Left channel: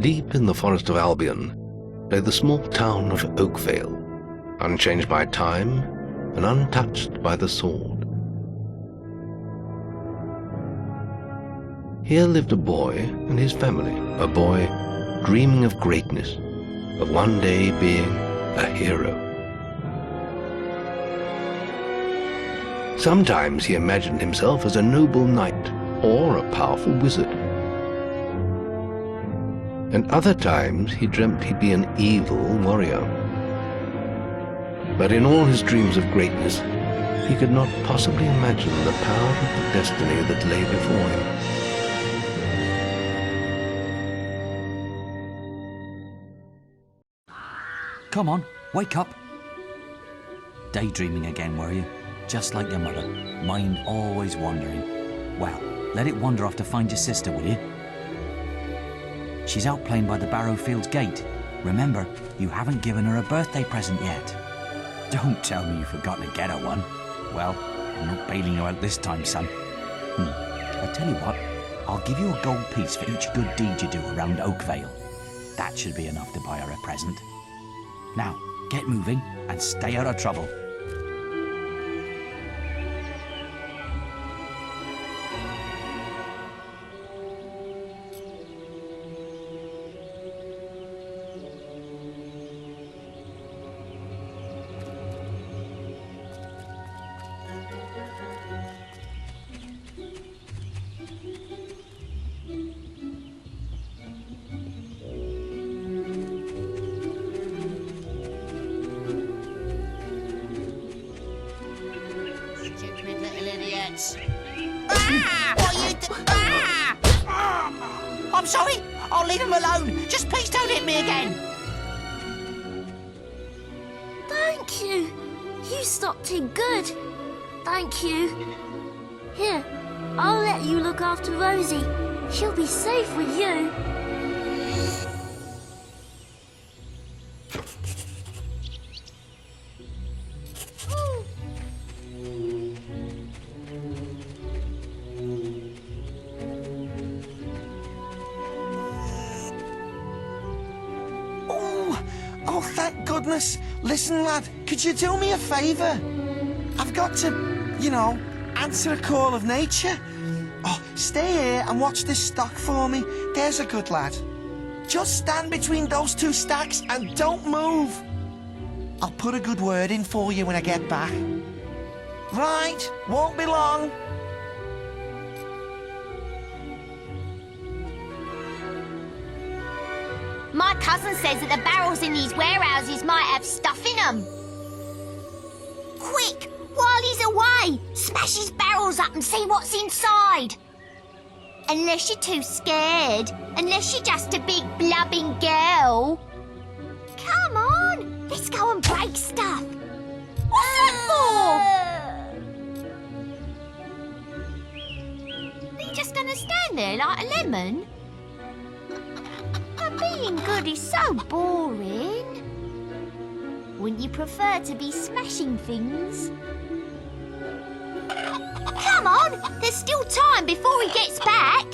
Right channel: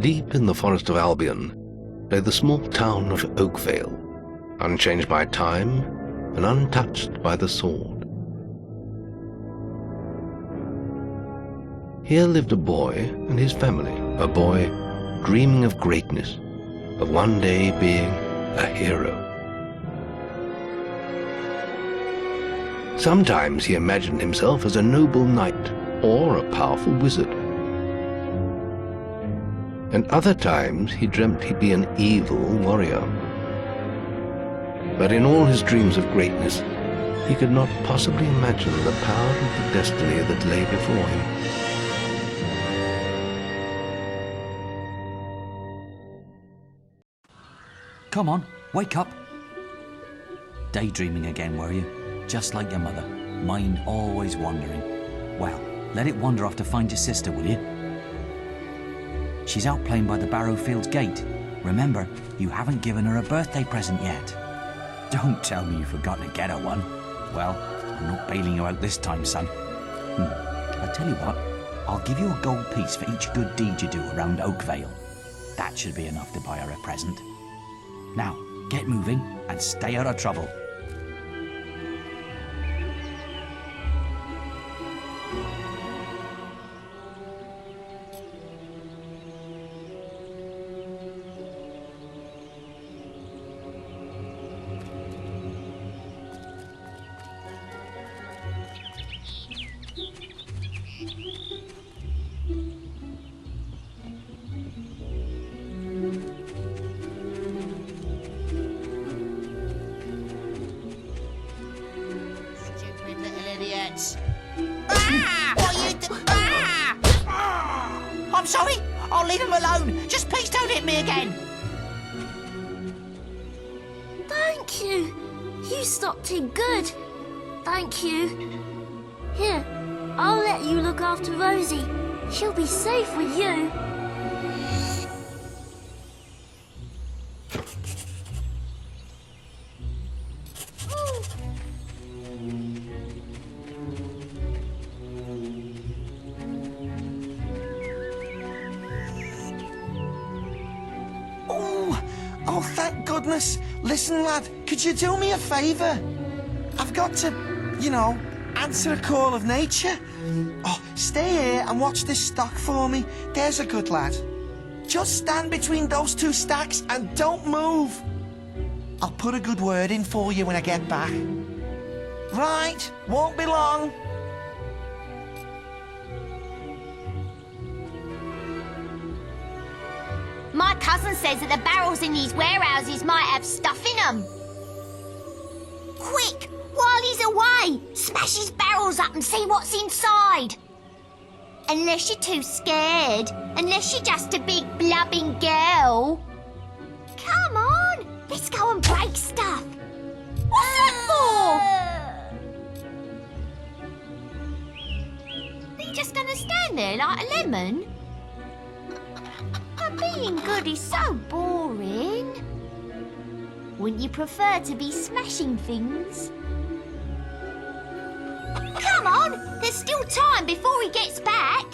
Deep in the forest of Albion lay the small town of Oakvale, unchanged by time and untouched by the sword. Here lived a boy and his family, a boy dreaming of greatness, of one day being a hero. Sometimes he imagined himself as a noble knight or a powerful wizard. And other times he dreamt he'd be an evil warrior. But in all his dreams of greatness, he could not possibly imagine the power of the destiny that lay before him. Come on, wake up. Daydreaming again, were you? Just like your mother, mind always wandering. Well, let it wander off to find your sister, will you? She's out playing by the Barrowfields gate. Remember, you haven't given her a birthday present yet. Don't tell me you've forgotten to get her one. Well, I'm not bailing you out this time, son. I tell you what, I'll give you a gold piece for each good deed you do around Oakvale. That should be enough to buy her a present. Now, get moving and stay out of trouble. I'm sorry. I'll leave him alone. Just please don't hit me again. Thank you. You stopped him good. Thank you. Here, I'll let you look after Rosie. She'll be safe with you. Oh, thank goodness. Listen, lad, could you do me a favour? I've got to, answer a call of nature. Oh, stay here and watch this stock for me. There's a good lad. Just stand between those two stacks and don't move. I'll put a good word in for you when I get back. Right, won't be long. cousin says that the barrels in these warehouses might have stuff in them. Quick, while he's away, smash his barrels up and see what's inside. Unless you're too scared. Unless you're just a big blubbing girl. Come on, let's go and break stuff. What's that for? Are you just gonna stand there like a lemon? But being good is so boring. Wouldn't you prefer to be smashing things? Come on, there's still time before he gets back.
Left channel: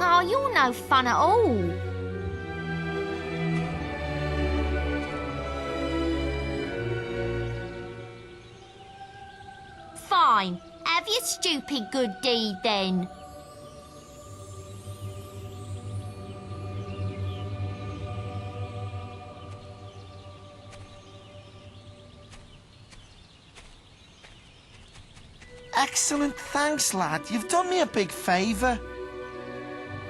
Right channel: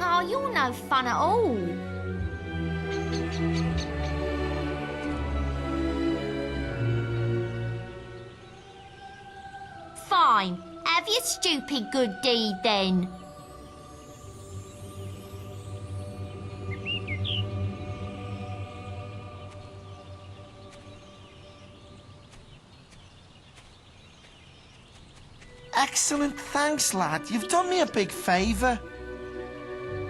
Oh, you're no fun at all. Fine, have your stupid good deed then. Excellent, thanks, lad. You've done me a big favour.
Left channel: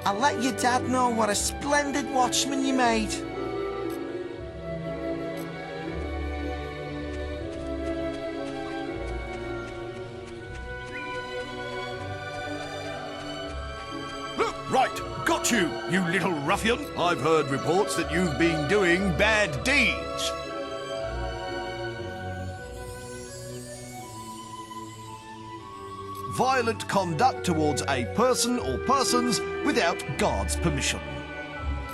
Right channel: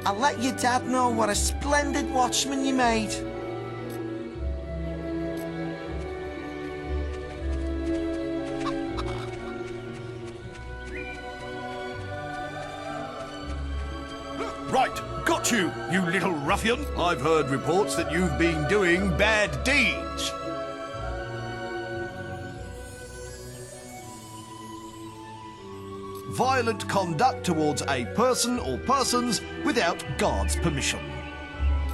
I'll let your dad know what a splendid watchman you made. Right, got you, you little ruffian. I've heard reports that you've been doing bad deeds. Violent conduct towards a person or persons without guard's permission.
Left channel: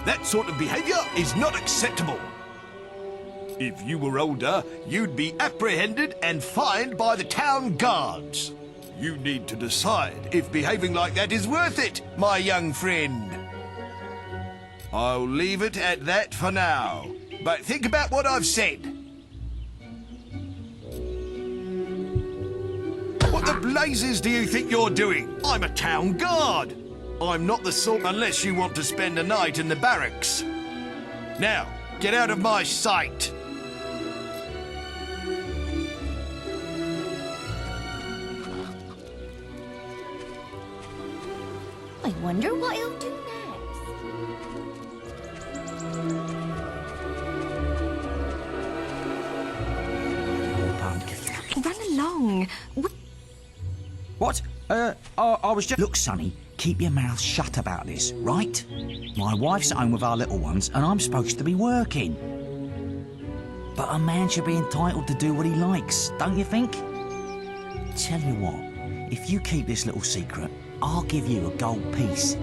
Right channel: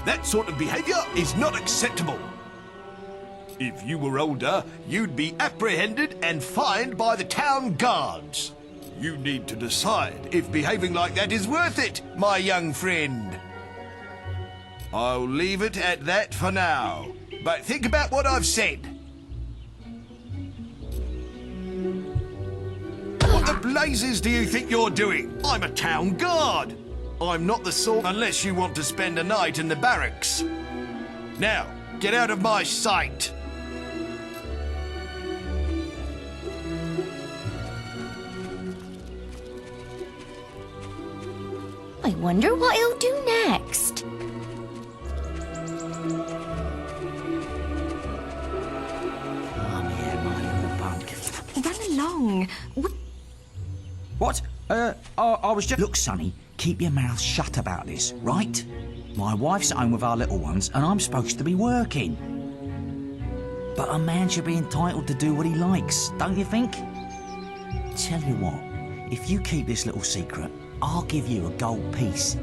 That sort of behaviour is not acceptable. If you were older, you'd be apprehended and fined by the town guards. You need to decide if behaving like that is worth it, my young friend. I'll leave it at that for now, but think about what I've said. What the blazes do you think you're doing? I'm a town guard. I'm not the sort unless you want to spend a night in the barracks. Now, get out of my sight. I wonder what he'll do next. Run along. What? I was just... Look, Sonny, keep your mouth shut about this, right? My wife's at home with our little ones, and I'm supposed to be working. But a man should be entitled to do what he likes, don't you think? Tell you what, if you keep this little secret, I'll give you a gold piece.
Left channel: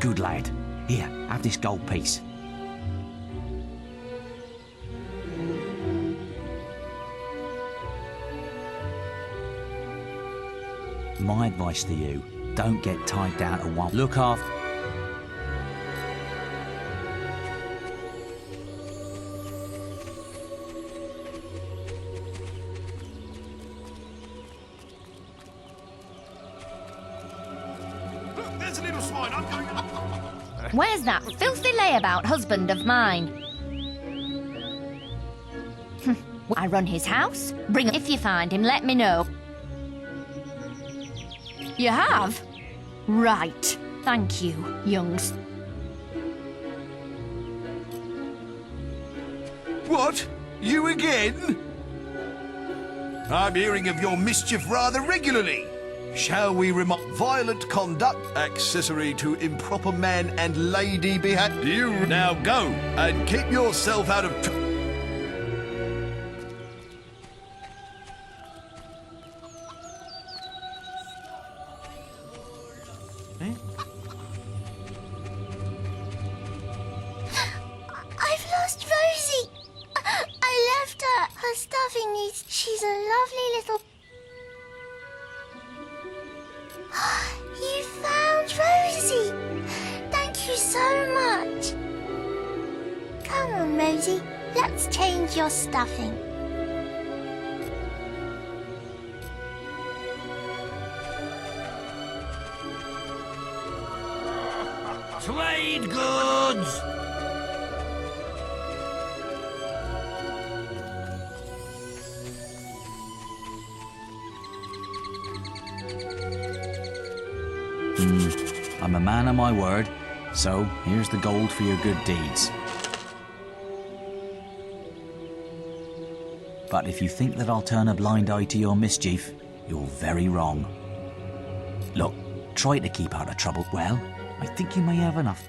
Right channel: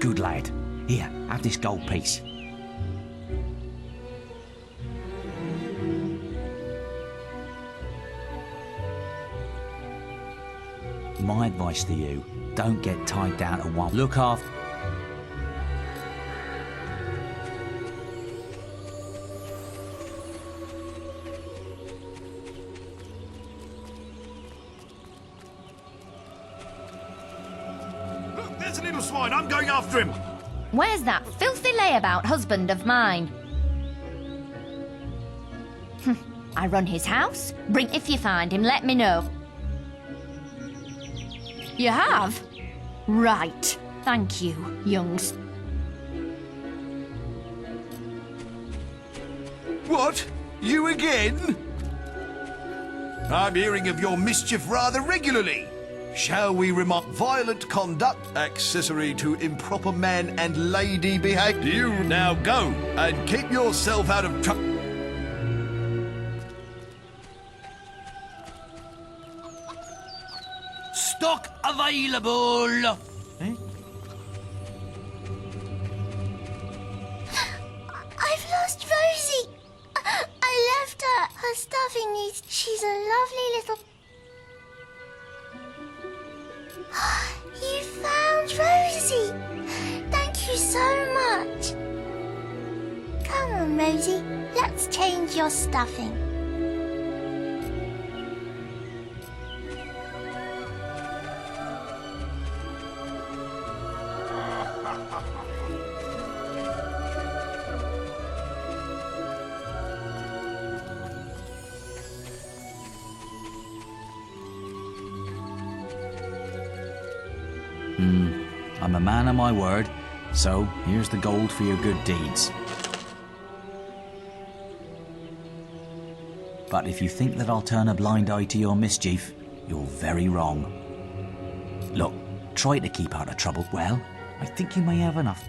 Good lad. Here, have this gold piece. My advice to you, don't get tied down to one. Look after... Look, there's a little swine. I'm going after him. Where's that filthy layabout husband of mine? I run his house. Bring if you find him, let me know. You have? Right. Thank you, youngs. What? You again? I'm hearing of your mischief rather regularly. Shall we remark violent conduct accessory to improper man and lady behaviour? You now go and keep yourself out of trouble. Stock available. Eh? I've lost Rosie. I left her. Her stuffing needs... She's a lovely little... You found Rosie. Thank you so much. Come on, Rosie. Let's change your stuffing. Trade goods. I'm a man of my word, so here's the gold for your good deeds. But if you think that I'll turn a blind eye to your mischief, you're very wrong. Look, try to keep out of trouble. Well, I think you may have enough.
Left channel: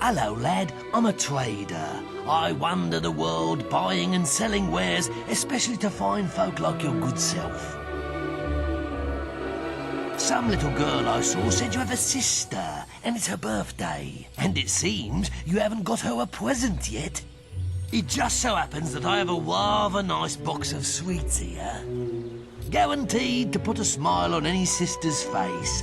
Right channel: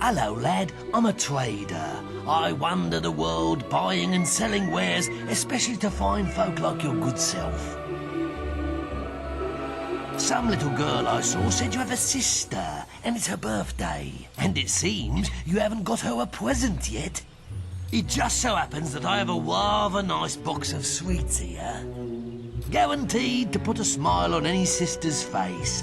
Hello, lad. I'm a trader. I wander the world buying and selling wares, especially to fine folk like your good self. Some little girl I saw said you have a sister, and it's her birthday. And it seems you haven't got her a present yet. It just so happens that I have a rather nice box of sweets here. Guaranteed to put a smile on any sister's face.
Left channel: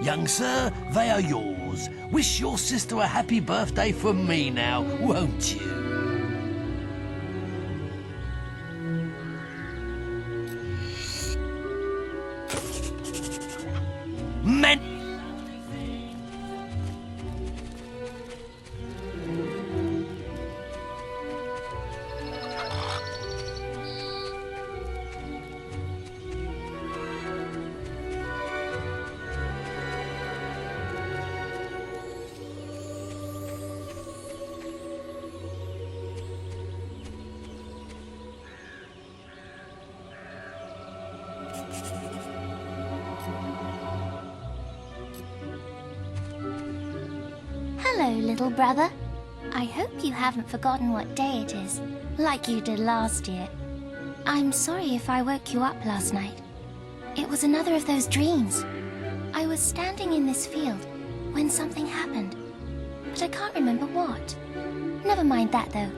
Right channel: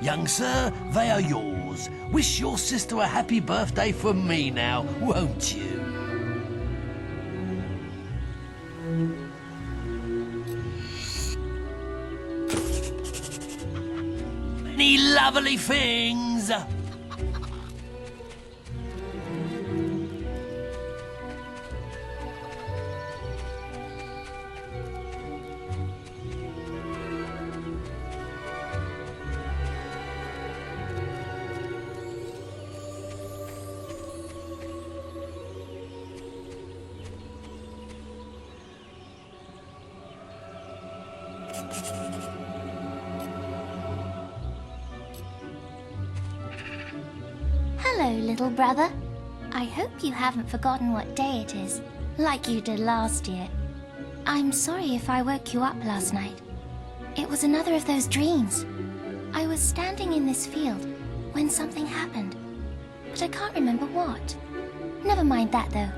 Young sir, they are yours. Wish your sister a happy birthday from me now, won't you? Many lovely things. Hello, little brother. I hope you haven't forgotten what day it is, like you did last year. I'm sorry if I woke you up last night. It was another of those dreams. I was standing in this field when something happened, but I can't remember what. Never mind that, though.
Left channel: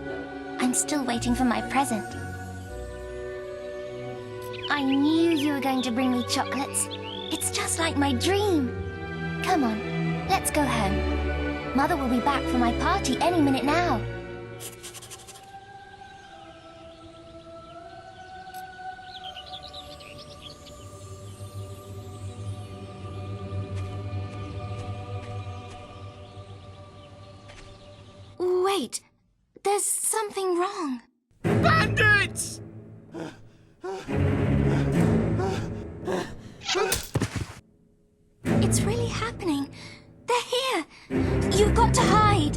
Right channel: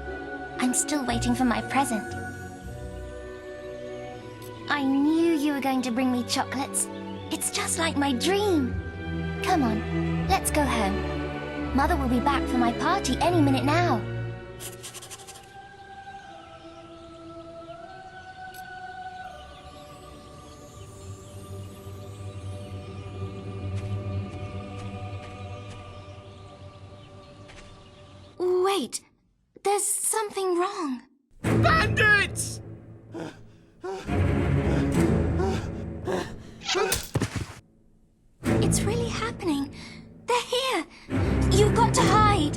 I'm still waiting for my present. I knew you were going to bring me chocolates. It's just like my dream. Come on, let's go home. Mother will be back for my party any minute now. Wait, there's something wrong. Bandits! It's really happening. They're here. You've got to hide.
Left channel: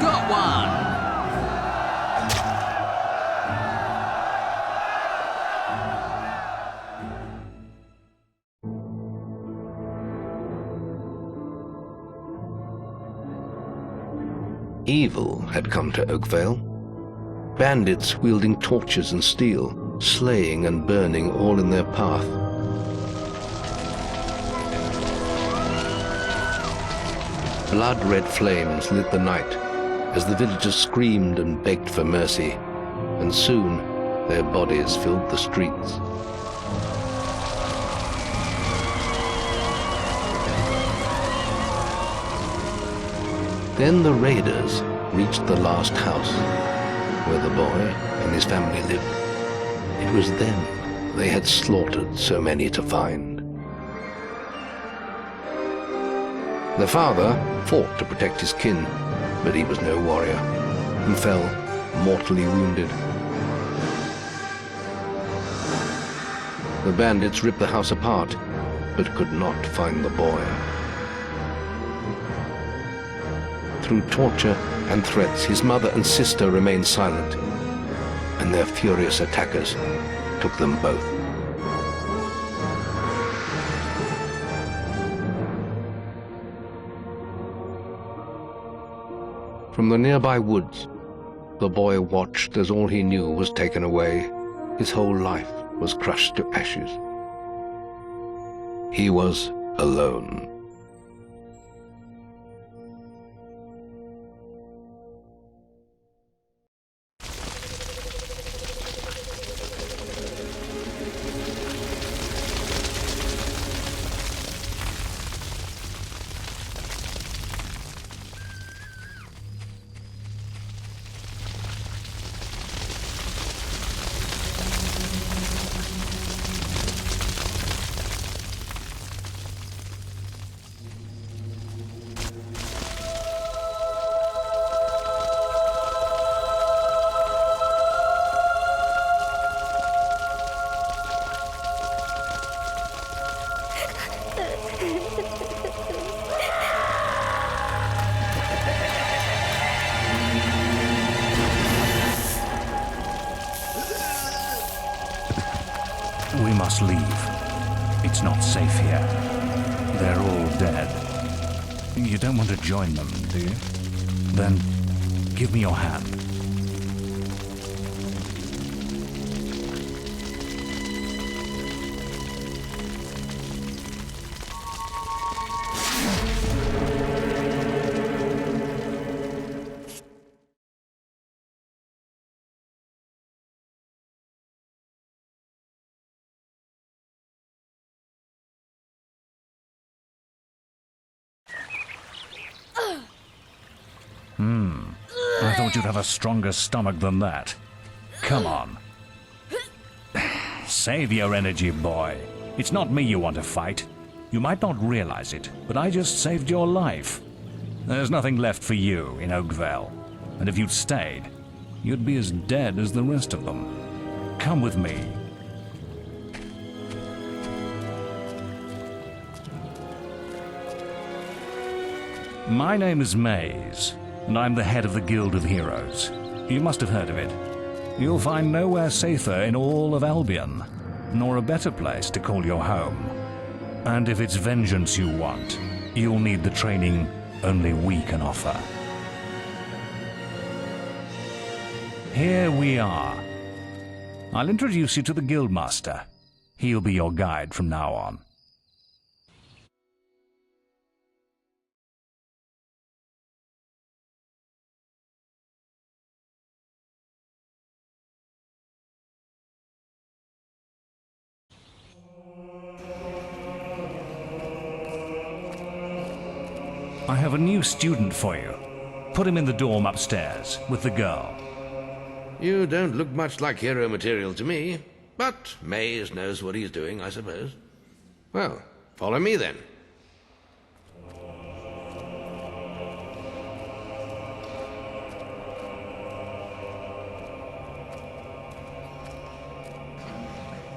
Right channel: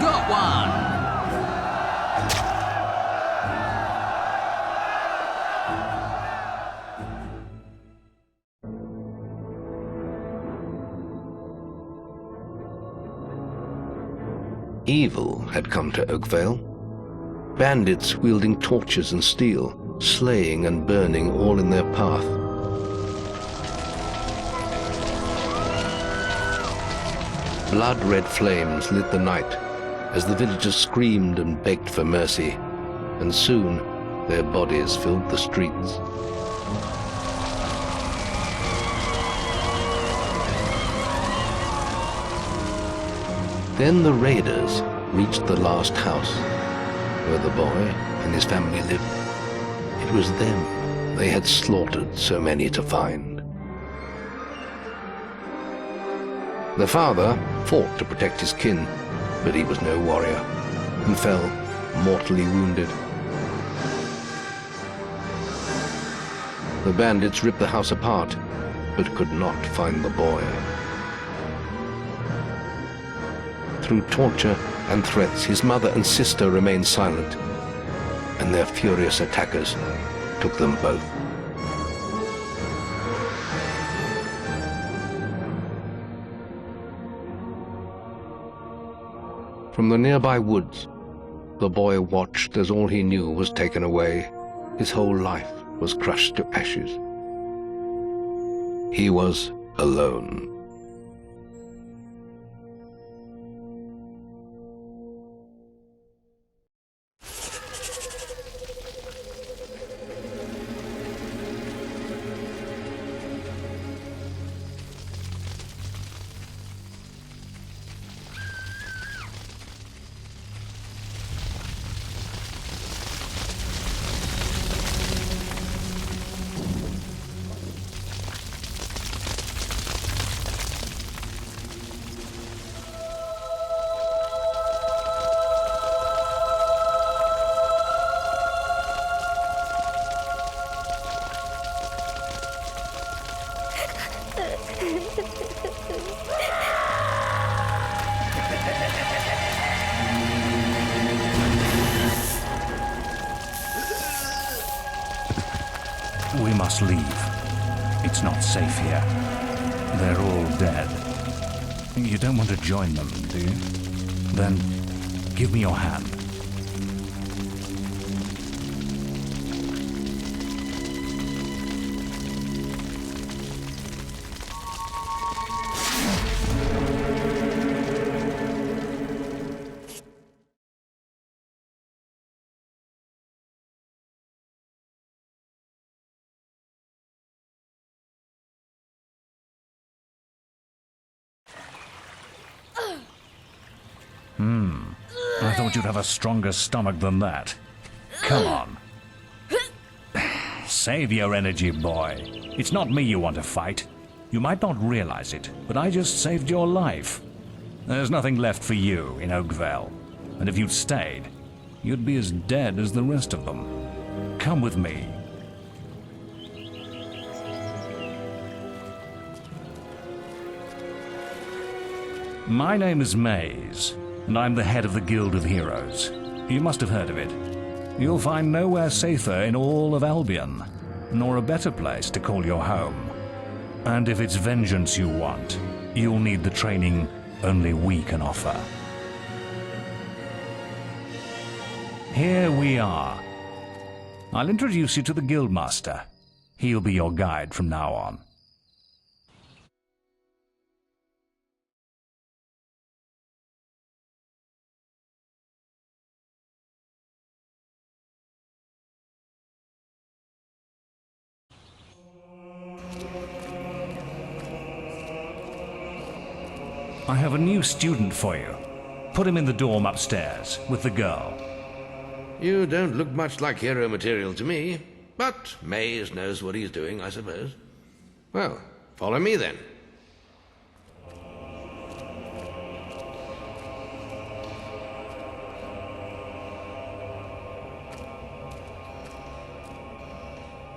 Got one! Evil had come to Oakvale. Bandits wielding torches and steel, slaying and burning all in their path. Blood-red flames lit the night as the villagers screamed and begged for mercy, and soon their bodies filled the streets. Then the raiders reached the last house, where the boy and his family lived. It was them they had slaughtered so many to find. The father fought to protect his kin, but he was no warrior, and fell mortally wounded. The bandits ripped the house apart, but could not find the boy. Through torture and threats, his mother and sister remained silent, and their furious attackers took them both. From the nearby woods, the boy watched as all he knew was taken away. His whole life was crushed to ashes. He was alone. We must leave. It's not safe here. They're all dead. You don't want to join them, do you? Then give me your hand. I thought you'd have a stronger stomach than that. Come on. Save your energy, boy. It's not me you want to fight. You might not realize it, but I just saved your life. There's nothing left for you in Oakvale. And if you'd stayed, you'd be as dead as the rest of them. Come with me. My name is Maze, and I'm the head of the Guild of Heroes. You must have heard of it. You'll find nowhere safer in all of Albion, nor a better place to call your home. And if it's vengeance you want, you'll need the training only we can offer. Here we are. I'll introduce you to the Guildmaster. He'll be your guide from now on. I have a new student for you. Put him in the dorm upstairs, with the girl. You don't look much like hero material to me, but Maze knows what he's doing, I suppose. Well, follow me then.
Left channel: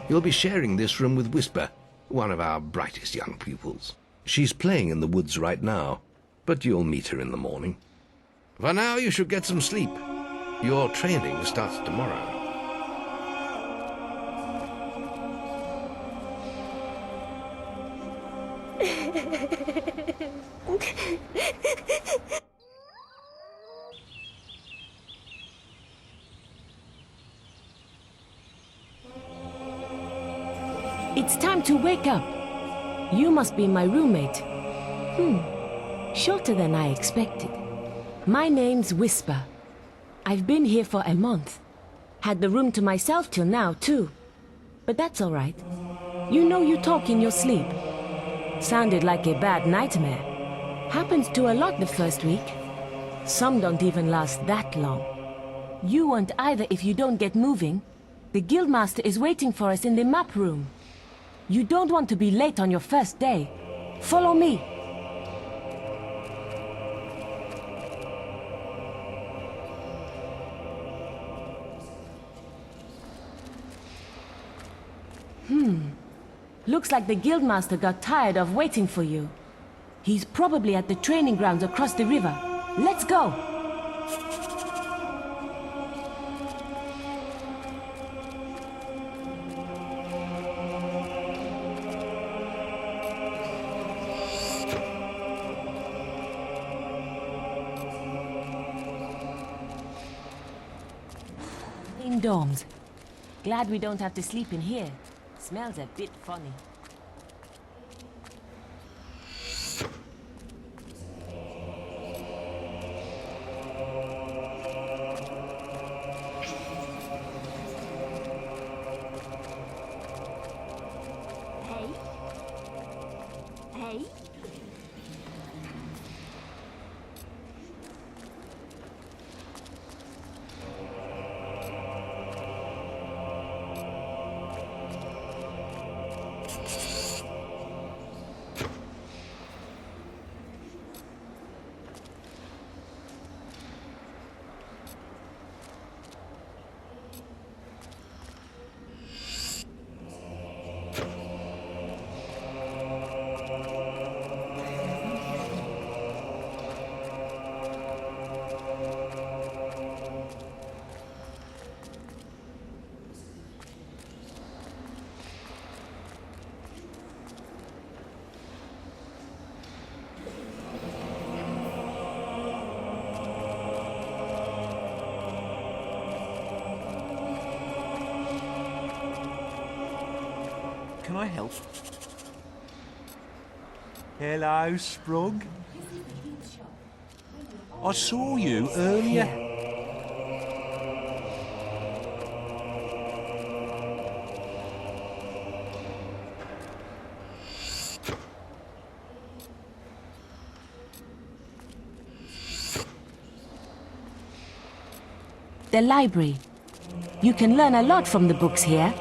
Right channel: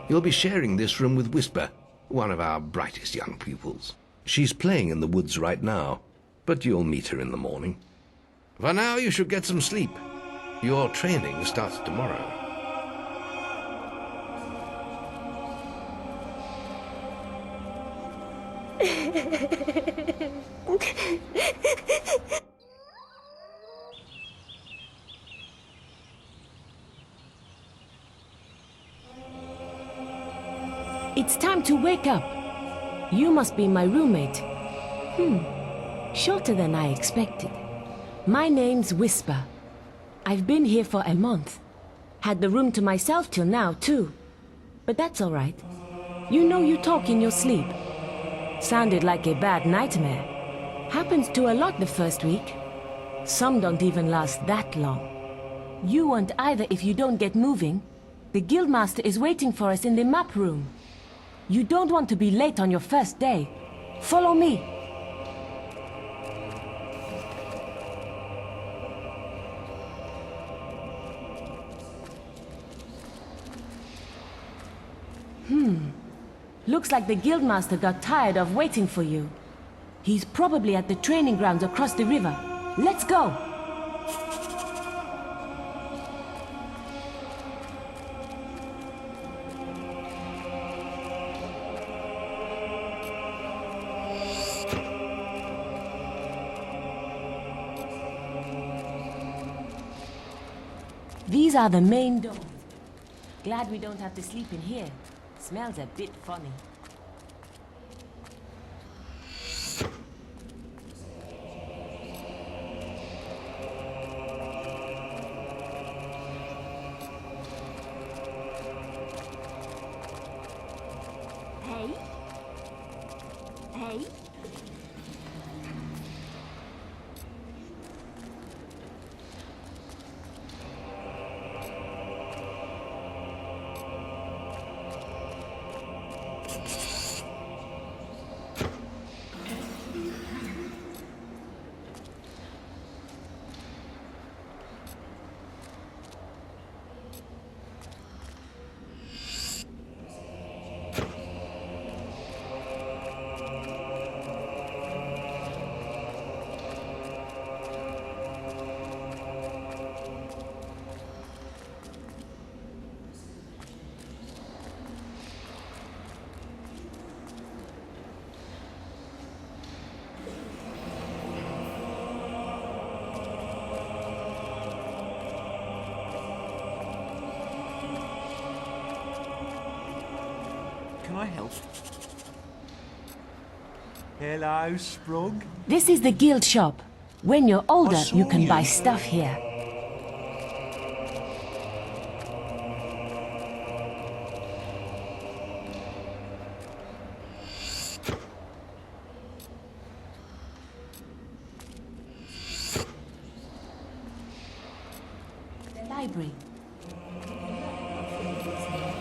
You'll be sharing this room with Whisper, one of our brightest young pupils. She's playing in the woods right now, but you'll meet her in the morning. For now, you should get some sleep. Your training starts tomorrow. It's time to wake up. You must be my roommate. Shorter than I expected. My name's Whisper. I've been here for a month. Had the room to myself till now, too. But that's all right. You know you talk in your sleep. Sounded like a bad nightmare. Happens to a lot the first week. Some don't even last that long. You won't either if you don't get moving. The Guildmaster is waiting for us in the map room. You don't want to be late on your first day. Follow me. Looks like the Guildmaster got tired of waiting for you. He's probably at the training grounds across the river. Let's go! These are the main dorms. Glad we don't have to sleep in here. Smells a bit funny. Hey? Hey? Can I help? Hello, Sprung. This is the guild shop. When you're older, saw you can you buy stuff earlier. here. The library. You can learn a lot from the books here.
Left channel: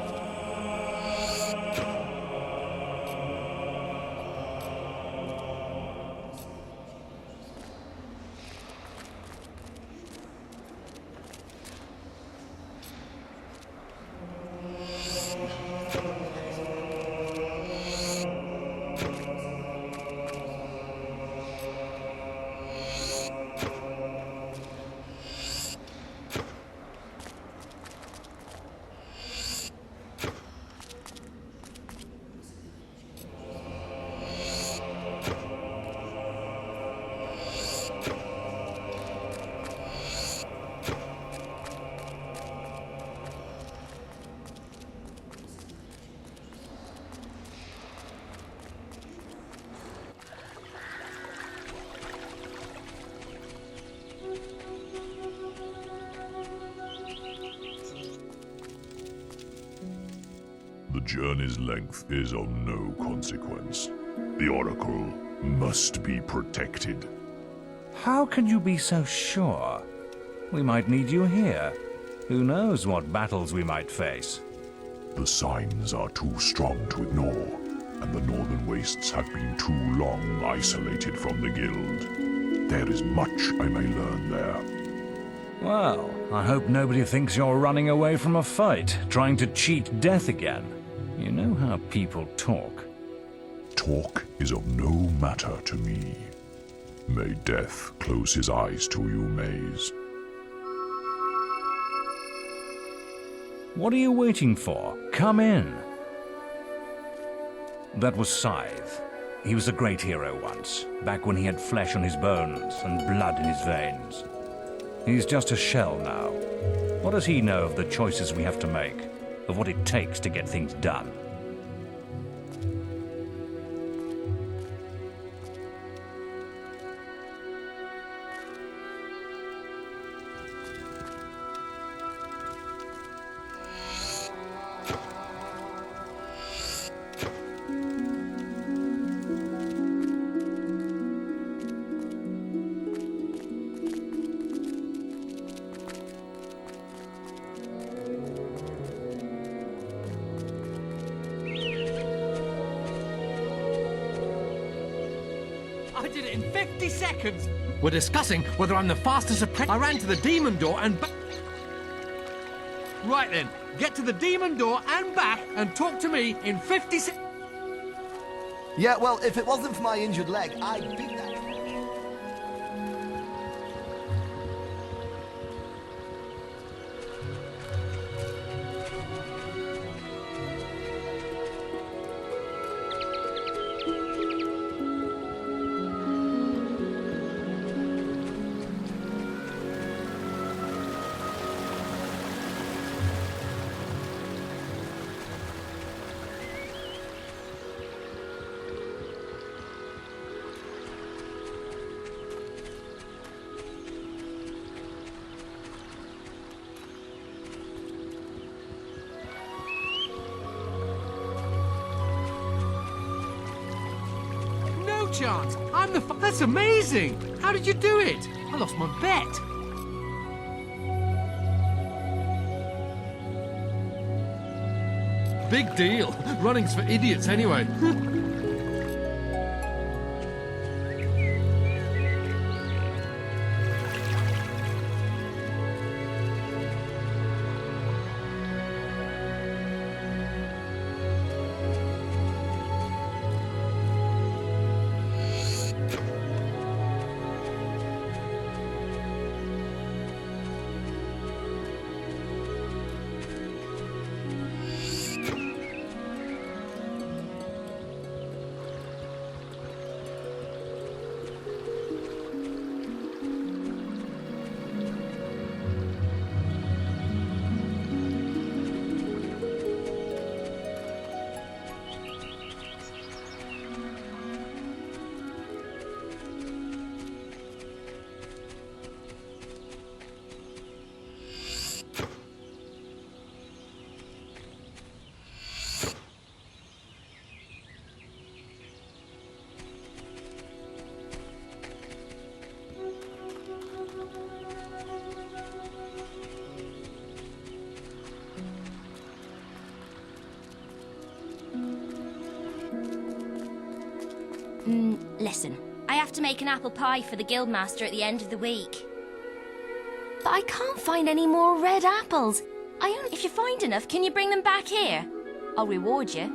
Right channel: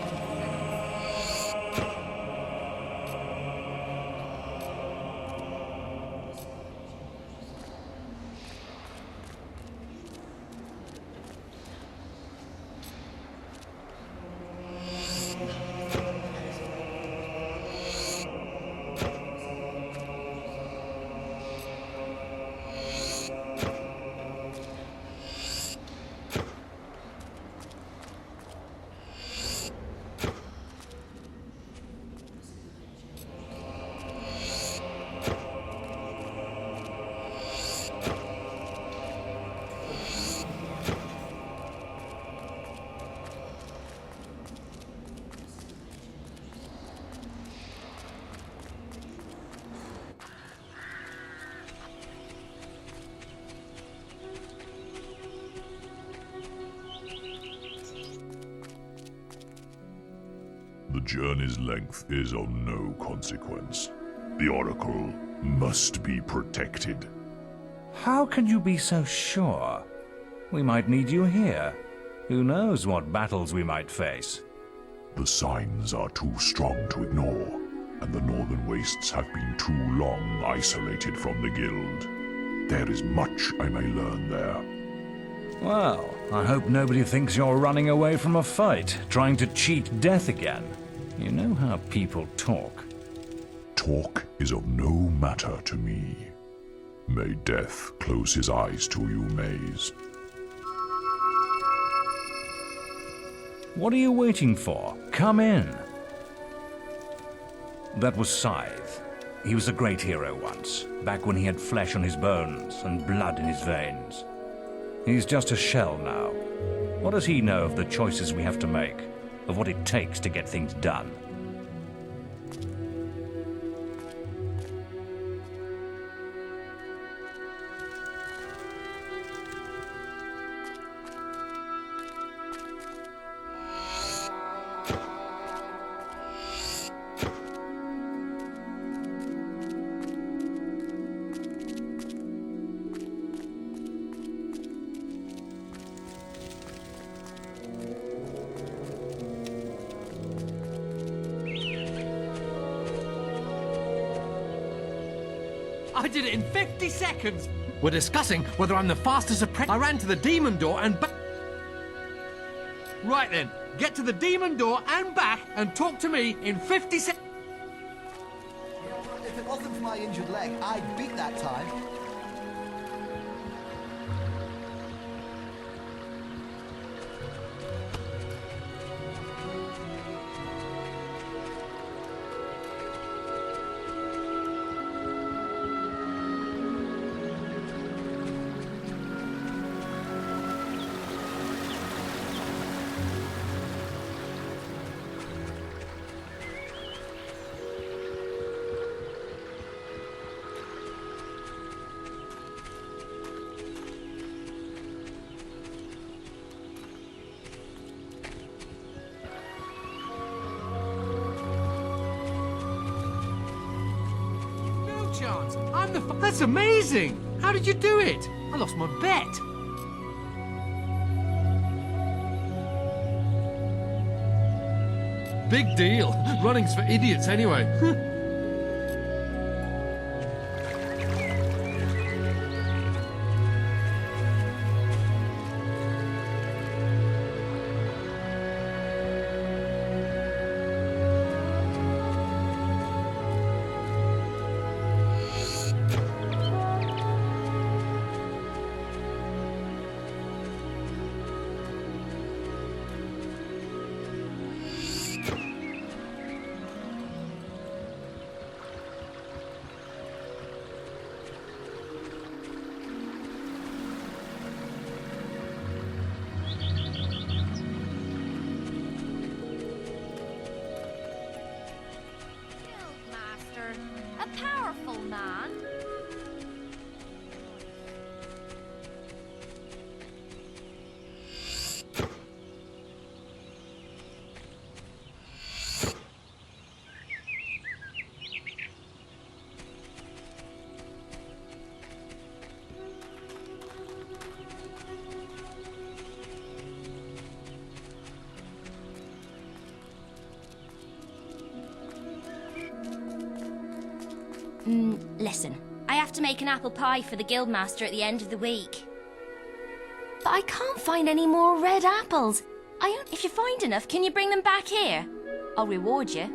The journey's length is of no consequence. The Oracle must be protected. How can you be so sure? We might need you here. Who knows what battles we might face? The signs are too strong to ignore, and the Northern Wastes have been too long isolated from the Guild. There is much I may learn there. Well, I hope nobody thinks you're running away from a fight, trying to cheat death again. You know how people talk. Talk is of no matter to me. May death close his eyes to you, Maze. What are you waiting for? Come in. That was Scythe. He was a great hero once, back when he had flesh on his bones and blood in his veins. He's just a shell now. What does he know of the choices we have to make, of what it takes to get things done? I did it in 50 seconds! We're discussing whether I'm the fastest apprentice. I ran to the demon door and back. Right then, get to the demon door and back and talk to me in 50 seconds. Yeah, well, if it wasn't for my injured leg, I'd beat that time. No chance! I'm the That's amazing! How did you do it? I lost my bet. Big deal. Running's for idiots anyway. Listen, I have to make an apple pie for the guildmaster at the end of the week. But I can't find any more red apples. If you find enough, can you bring them back here? I'll reward you.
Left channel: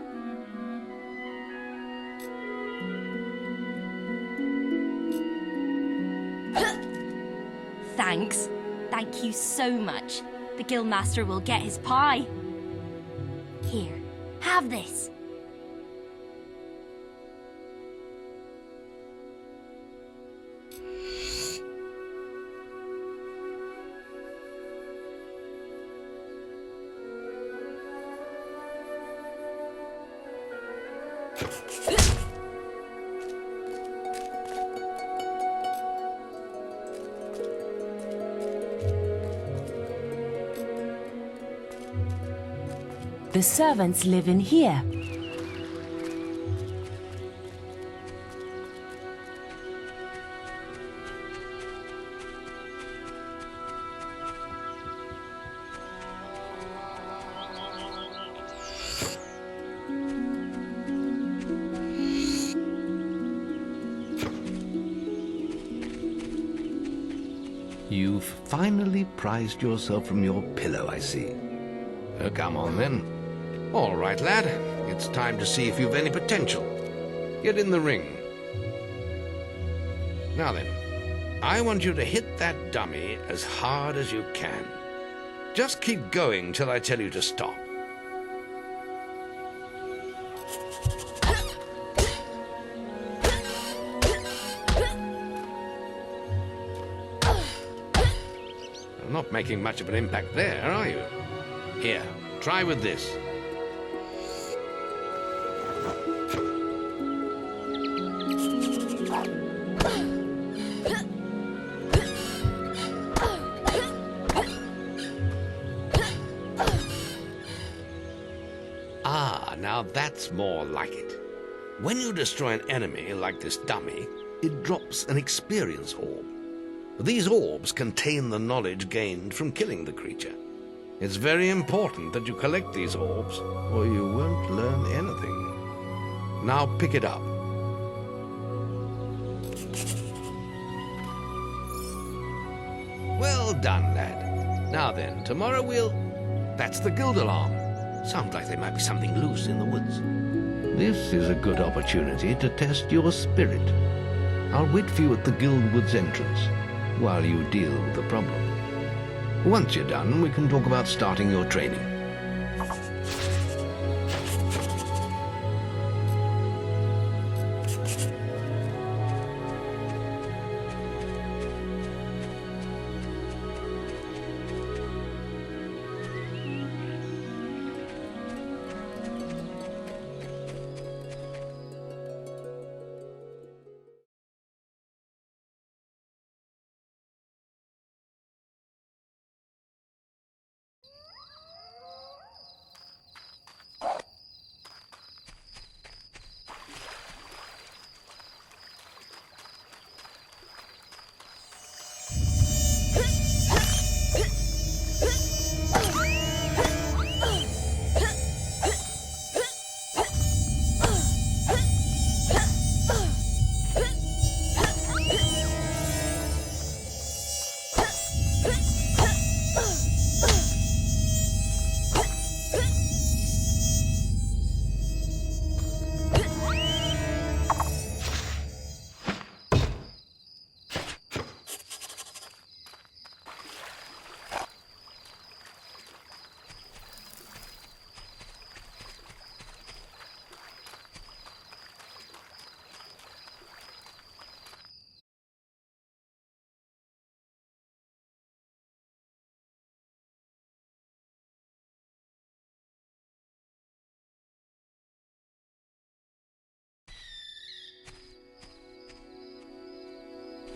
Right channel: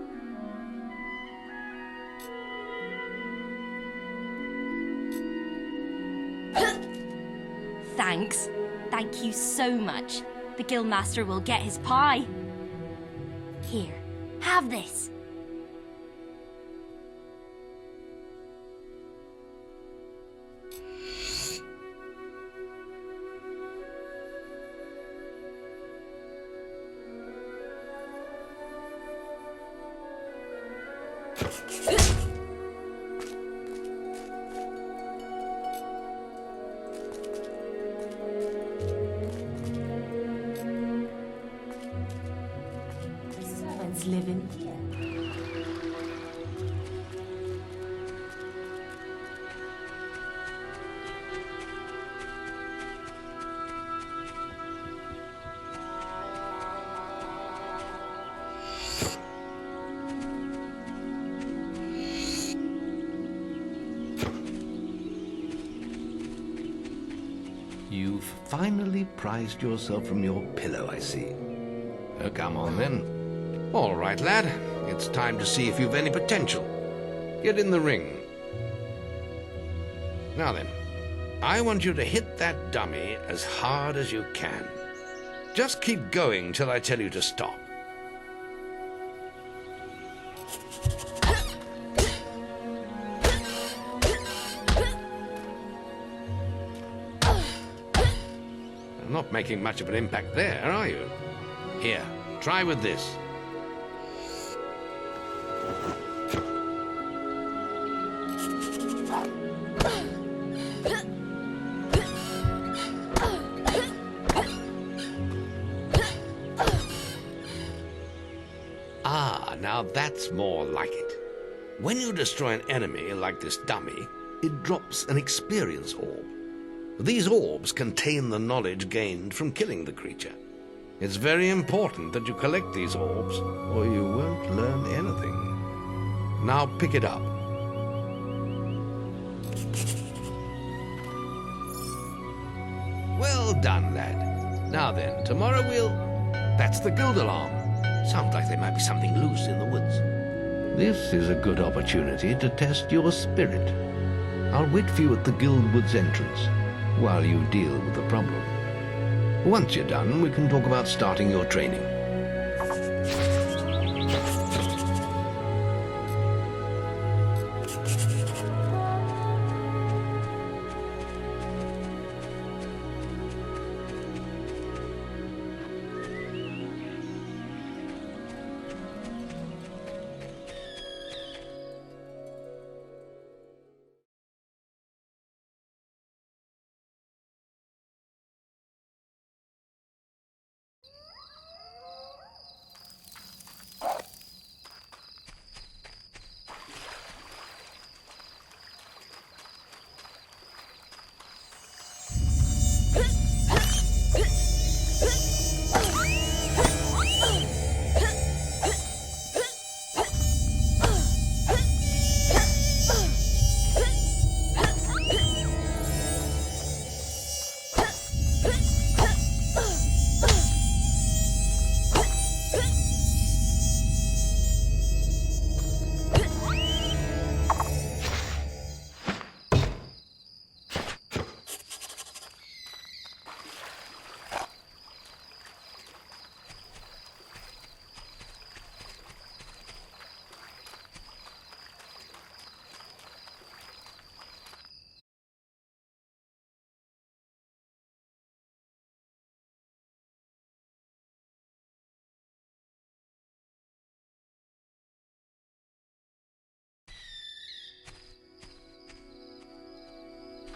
Thanks. Thank you so much. The guildmaster will get his pie. Here, have this. The servants live in here. You've finally prized yourself from your pillow, I see. Come on, then. All right, lad. It's time to see if you've any potential. Get in the ring. Now then, I want you to hit that dummy as hard as you can. Just keep going till I tell you to stop. Not making much of an impact there, are you? Here, try with this. Ah, now that's more like it. When you destroy an enemy like this dummy, it drops an experience orb. These orbs contain the knowledge gained from killing the creature. It's very important that you collect these orbs, or you won't learn anything. Now pick it up. Well done, lad. Now then, tomorrow we'll... That's the guild alarm. Sounds like there might be something loose in the woods. This is a good opportunity to test your spirit. I'll wait for you at the guild woods entrance while you deal with the problem. Once you're done, we can talk about starting your training.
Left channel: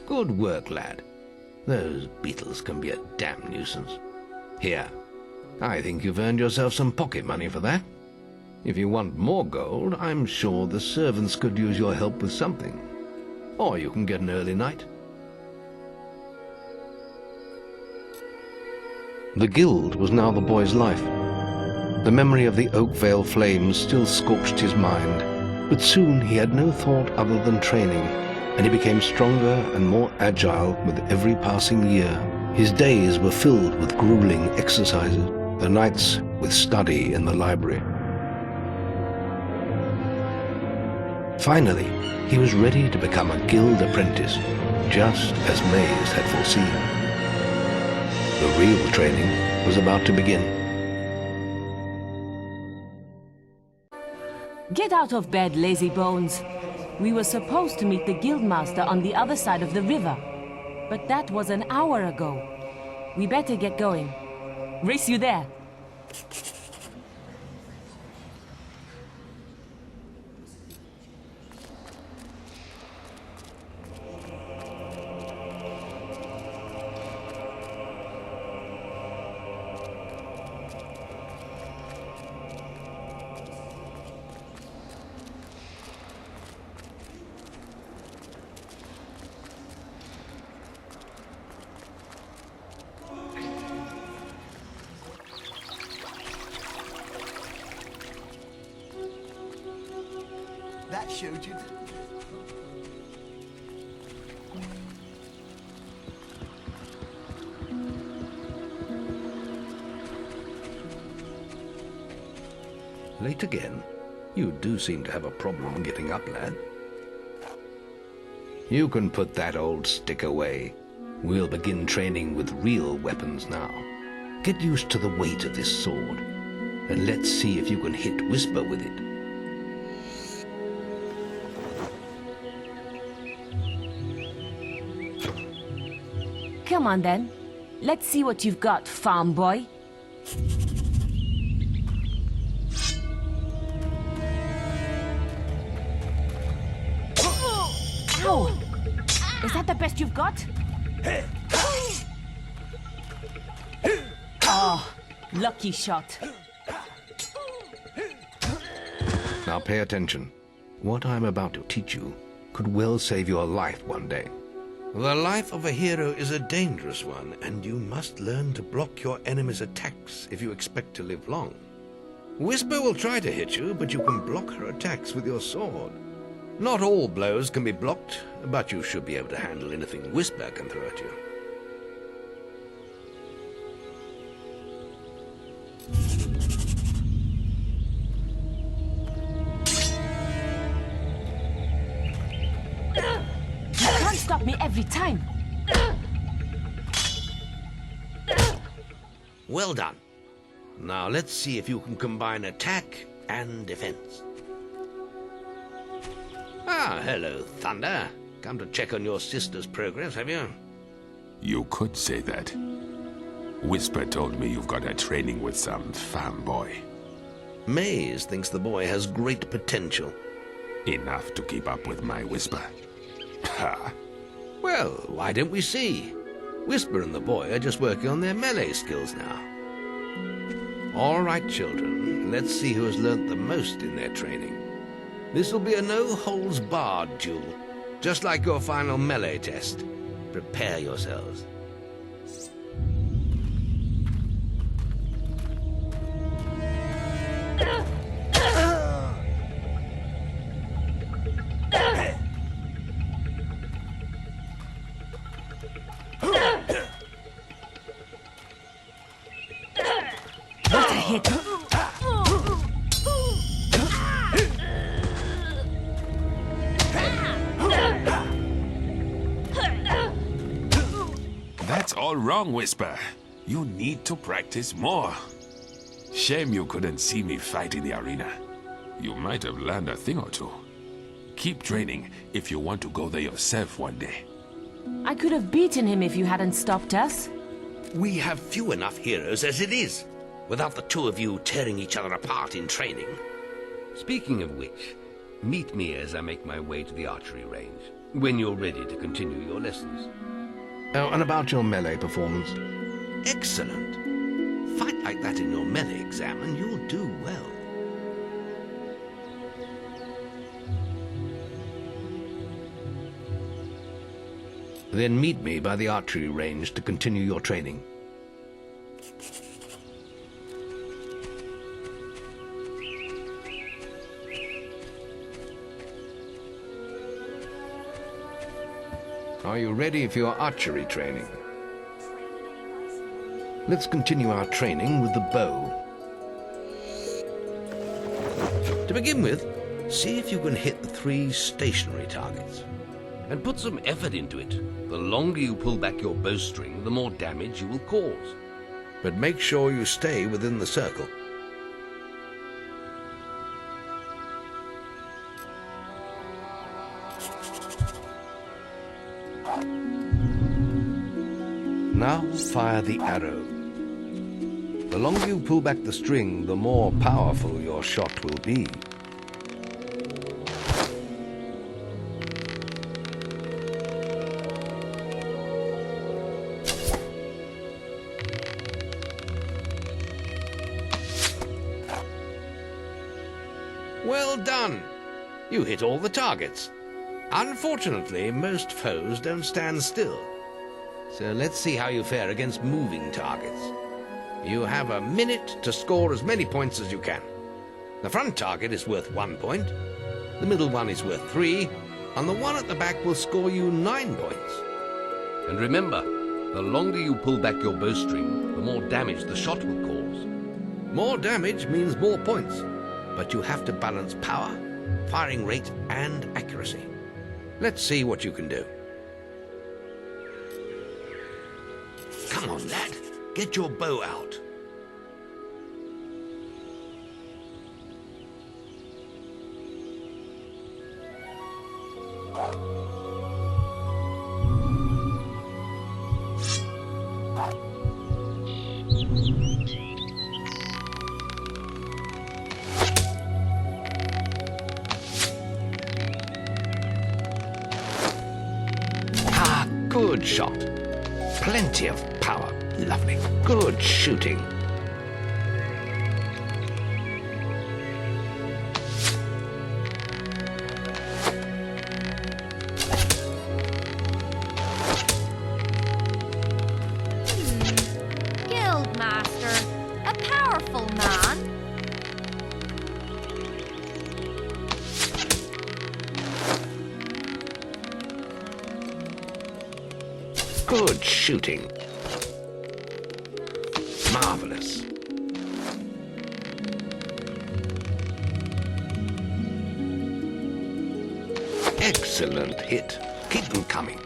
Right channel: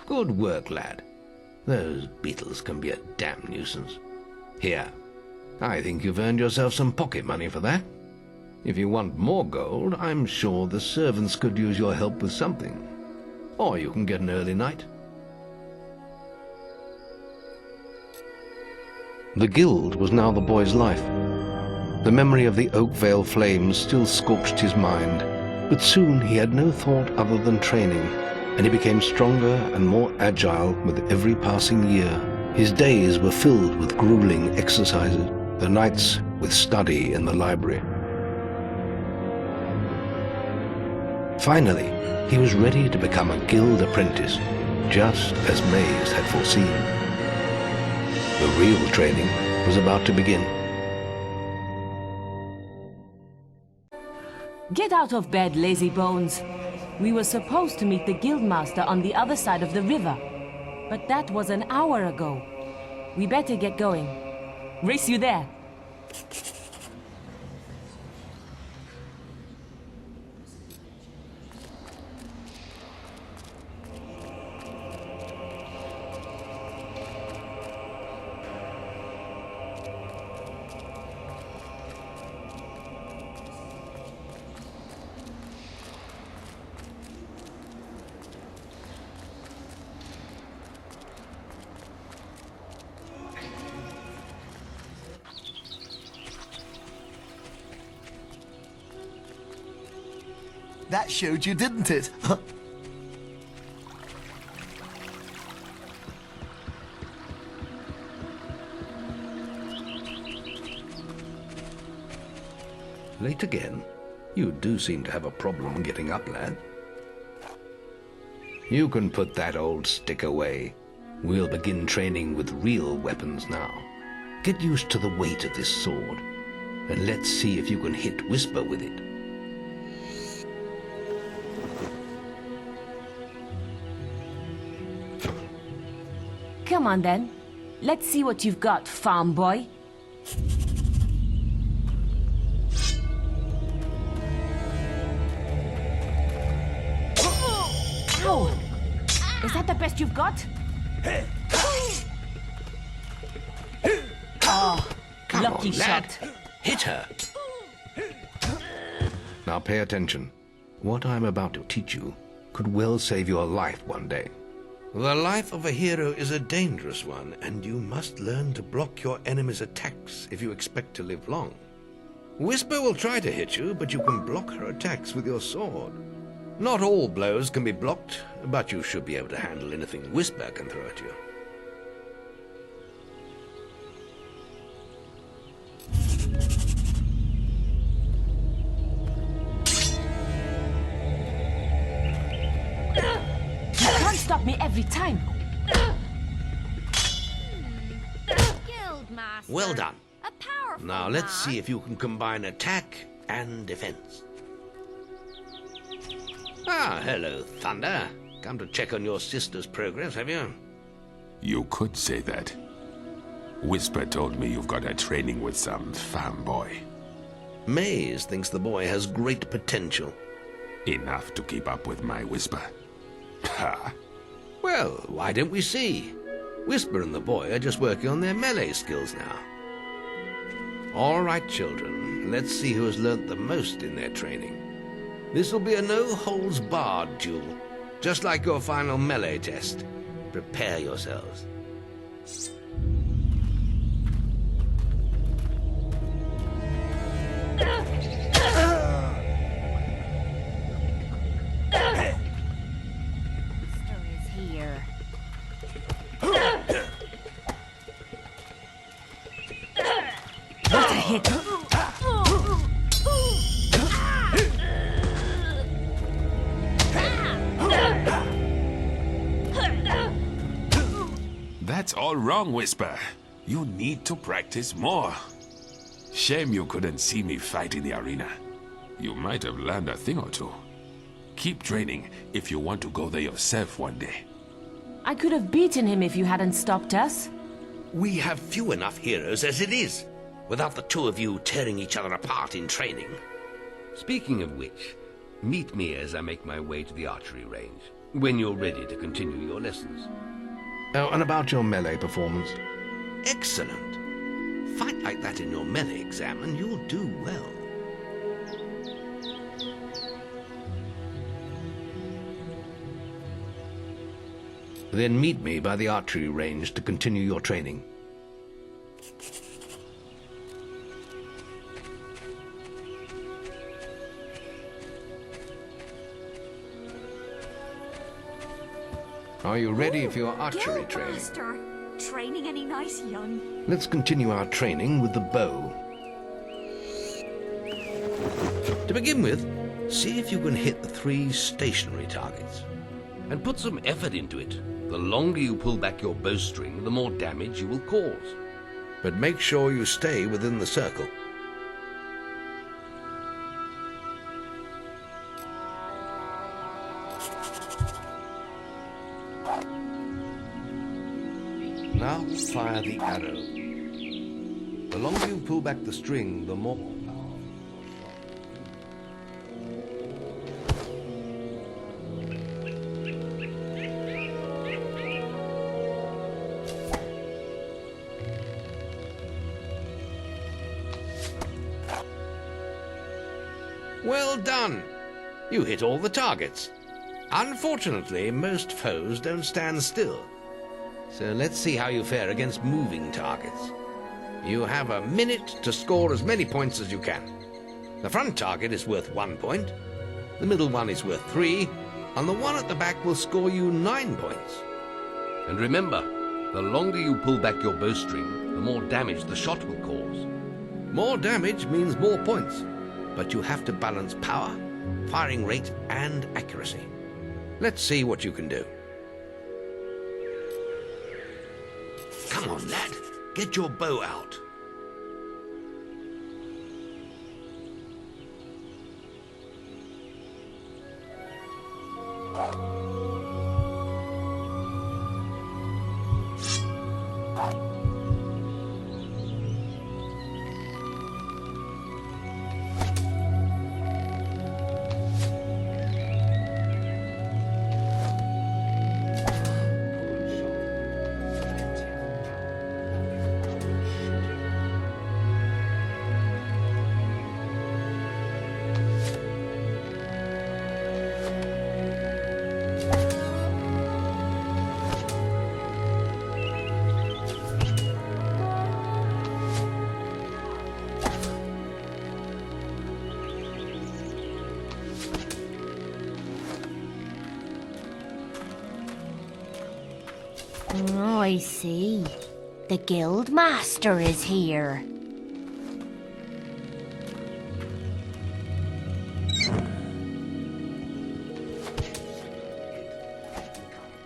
Good work, lad. Those beetles can be a damn nuisance. Here, I think you've earned yourself some pocket money for that. If you want more gold, I'm sure the servants could use your help with something. Or you can get an early night. The guild was now the boy's life. The memory of the Oakvale flames still scorched his mind, But soon he had no thought other than training, and he became stronger and more agile with every passing year. His days were filled with grueling exercises, the nights with study in the library. Finally, he was ready to become a guild apprentice, just as Maze had foreseen. The real training was about to begin. Get out of bed, lazy bones. We were supposed to meet the guildmaster on the other side of the river, but that was an hour ago. We better get going. Race you there. That showed you, didn't it? Late again? You do seem to have a problem getting up, lad. You can put that old stick away. We'll begin training with real weapons now. Get used to the weight of this sword, and let's see if you can hit Whisper with it. Come on then. Let's see what you've got, farm boy. Ow! Is that the best you've got? Oh, lucky shot. Hit her. Now pay attention. What I'm about to teach you could well save your life one day. The life of a hero is a dangerous one, and you must learn to block your enemy's attacks if you expect to live long. Whisper will try to hit you, but you can block her attacks with your sword. Not all blows can be blocked, but you should be able to handle anything Whisper can throw at you. You can't stop me every time. Well done. Now let's see if you can combine attack and defense. Ah, hello, Thunder. Come to check on your sister's progress, have you? You could say that. Whisper told me you've got a training with some farm boy. Maze thinks the boy has great potential. Enough to keep up with my Whisper. Ha! Well, why don't we see? Whisper and the boy are just working on their melee skills now. All right, children, let's see who has learnt the most in their training. This will be a no-holds-barred duel, just like your final melee test. Prepare yourselves. What a hit! That's all wrong, Whisper. You need to practice more. Shame you couldn't see me fight in the arena. You might have learned a thing or two. Keep training if you want to go there yourself one day. I could have beaten him if you hadn't stopped us. We have few enough heroes as it is, without the two of you tearing each other apart in training. Speaking of which, meet me as I make my way to the archery range, when you're ready to continue your lessons. Oh, and about your melee performance? Excellent. Fight like that in your melee exam and you'll do well. Then meet me by the archery range to continue your training. Are you ready for your archery training? Training any nice, young? Let's continue our training with the bow. To begin with, see if you can hit the 3 stationary targets. And put some effort into it. The longer you pull back your bowstring, the more damage you will cause. But make sure you stay within the circle. Now fire the arrow. The longer you pull back the string, the more powerful your shot will be. Well done! You hit all the targets. Unfortunately, most foes don't stand still. So let's see how you fare against moving targets. You have a minute to score as many points as you can. The front target is worth 1 point, the middle one is worth 3, and the one at the back will score you 9 points. And remember, the longer you pull back your bowstring, the more damage the shot will cause. More damage means more points, but you have to balance power, firing rate, and accuracy. Let's see what you can do. Come on, lad. Get your bow out. Ah, good shot. Plenty of power. Lovely. Good shooting. Guildmaster, a powerful man. Good Oh, shooting. I see. The Guildmaster is Marvelous. here. Excellent hit. Keep them coming.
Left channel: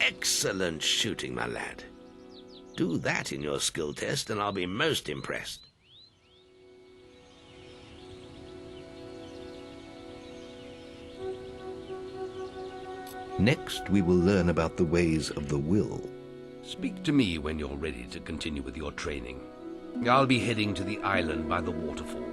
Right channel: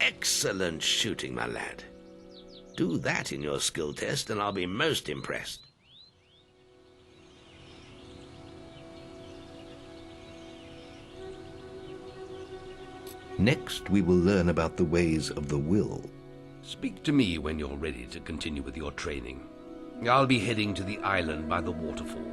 Excellent shooting, my lad. Do that in your skill test and I'll be most impressed. Next, we will learn about the ways of the will. Speak to me when you're ready to continue with your training. I'll be heading to the island by the waterfalls.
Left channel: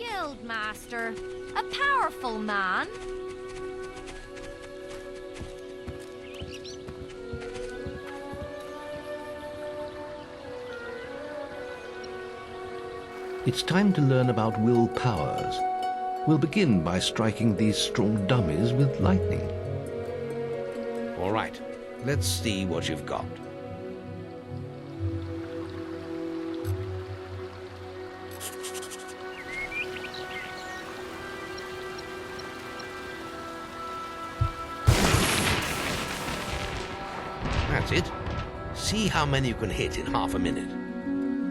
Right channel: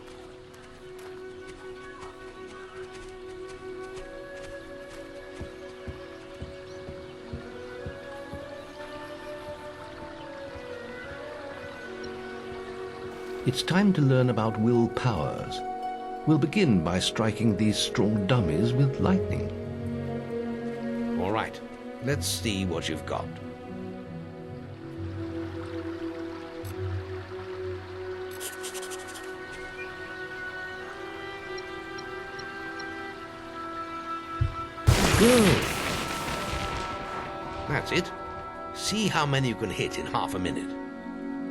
Guildmaster, a powerful man. It's time to learn about will powers. We'll begin by striking these strong dummies with lightning. All right, let's see what you've got. That's it. See how many you can hit in half a minute.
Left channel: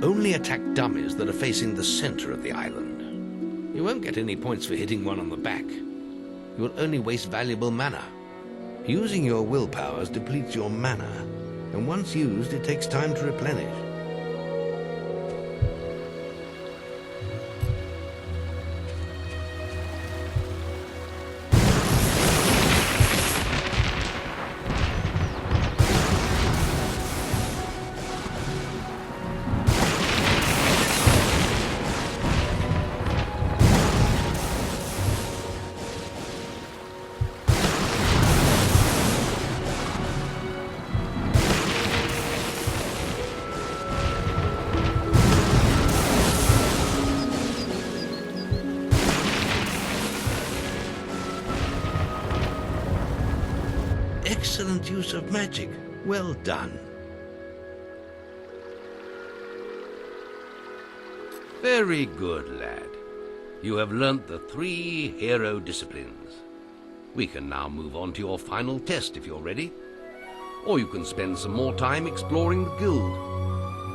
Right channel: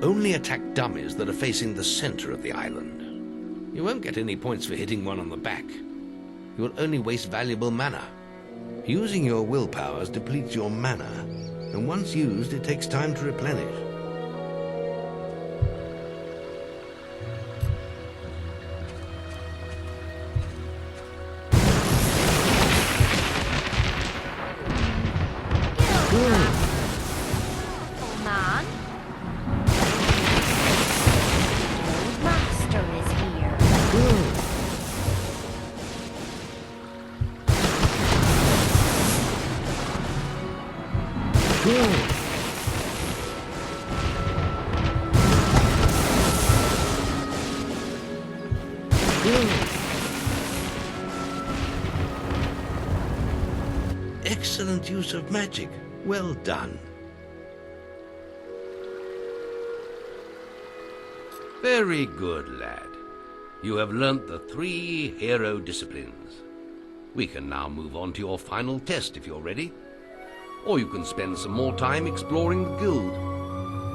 Only attack dummies that are facing the center of the island. You won't get any points for hitting one on the back. You will only waste valuable mana. Using your will powers depletes your mana, and once used, it takes time to replenish. excellent use of magic. Well done. Very good, lad. You have learnt the 3 hero disciplines. We can now move on to your final test if you're ready. Or you can spend some more time exploring the guild.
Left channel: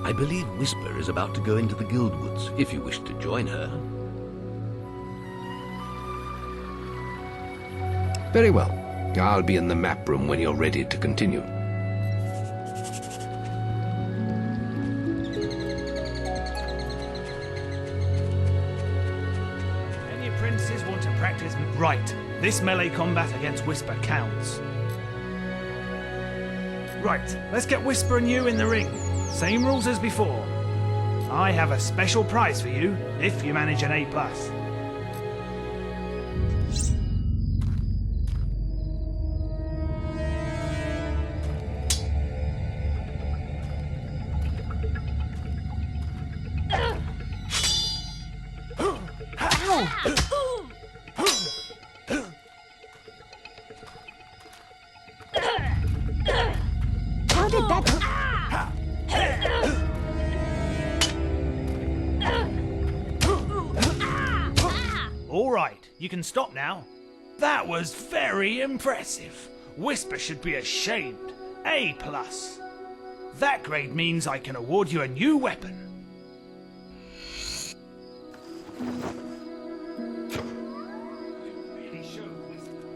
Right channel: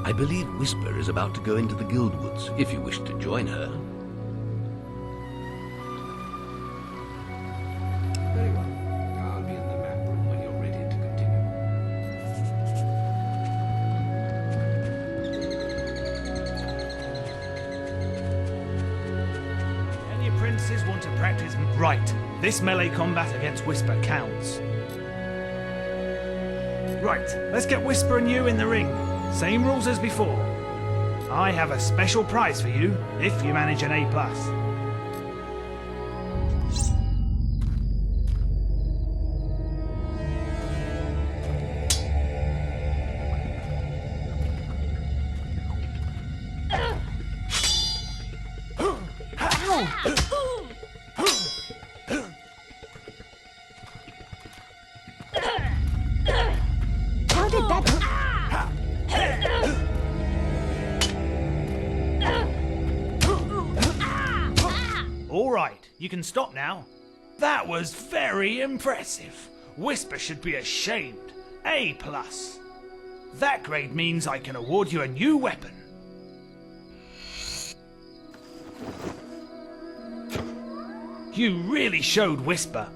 I believe Whisper is about to go into the guild woods, if you wish to join her. Very well. I'll be in the map room when you're ready to continue. Any apprentices want to practice... Right. This melee combat against Whisper counts. Right. Let's get Whisper and you in the ring. Same rules as before. I have a special prize for you if you manage an A+. How did that... All right, you can stop now. That was very impressive. Whisper should be ashamed. A+. That grade means I can award you a new weapon. You really showed Whisper.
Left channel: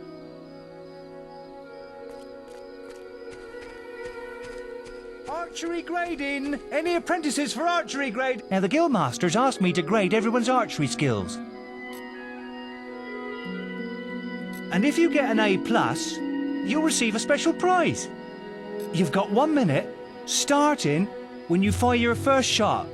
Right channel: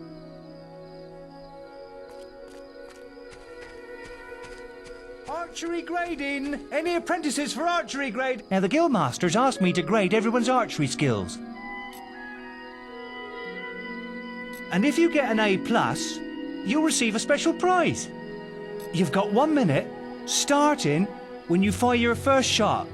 Archery grading! Any apprentices for archery grade? Now, the guildmasters asked me to grade everyone's archery skills. And if you get an A+, you'll receive a special prize. You've got 1 minute, starting when you fire your first shot.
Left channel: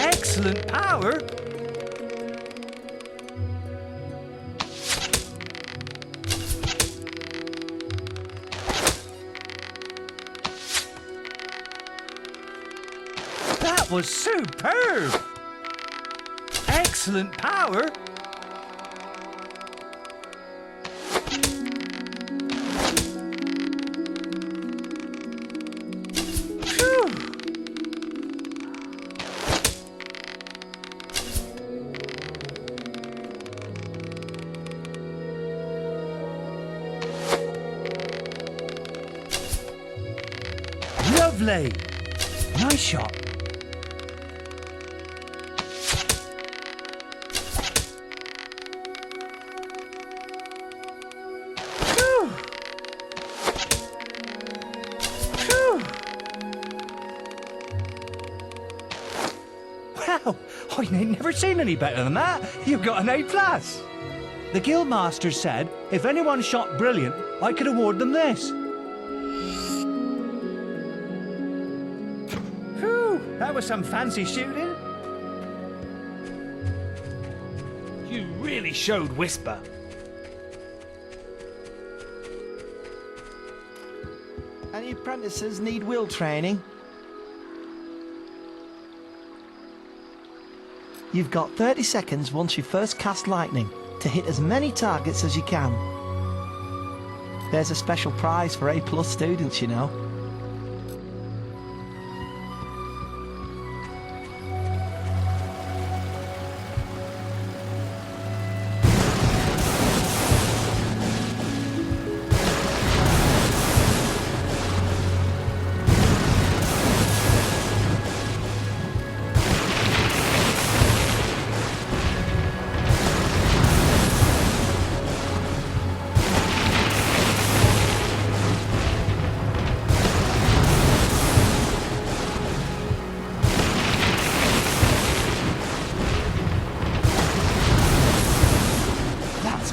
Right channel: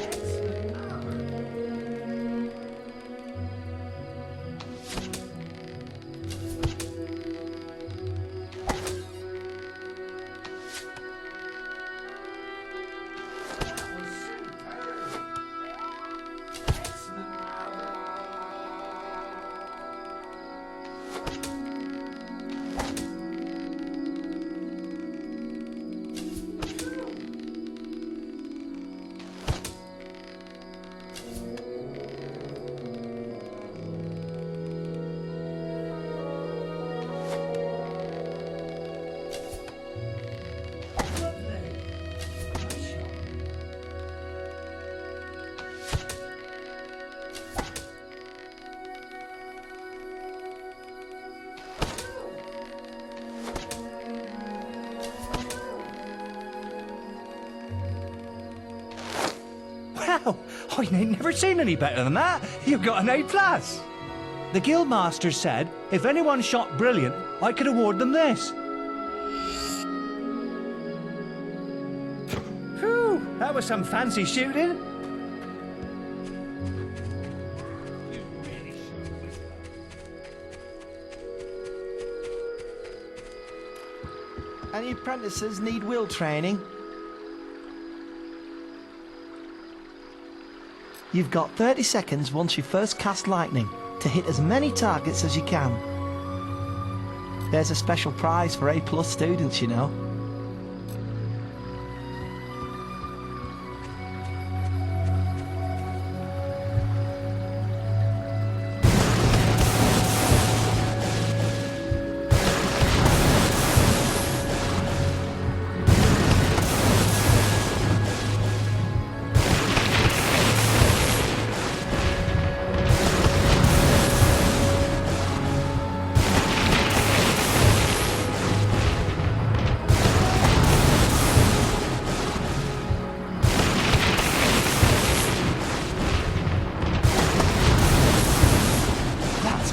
Excellent power. That was superb. Excellent power. Lovely. Nice shot. Phew. Phew. Wow, I ain't never seen any better than that. You got an A+. The guildmaster said if anyone shot brilliant, I could award them this. That was some fancy shooting. You really showed Whisper. Any apprentices need will training? You've got 30 seconds once you first cast lightning to hit as many targets as you can. There's a special prize for A+ students, you know.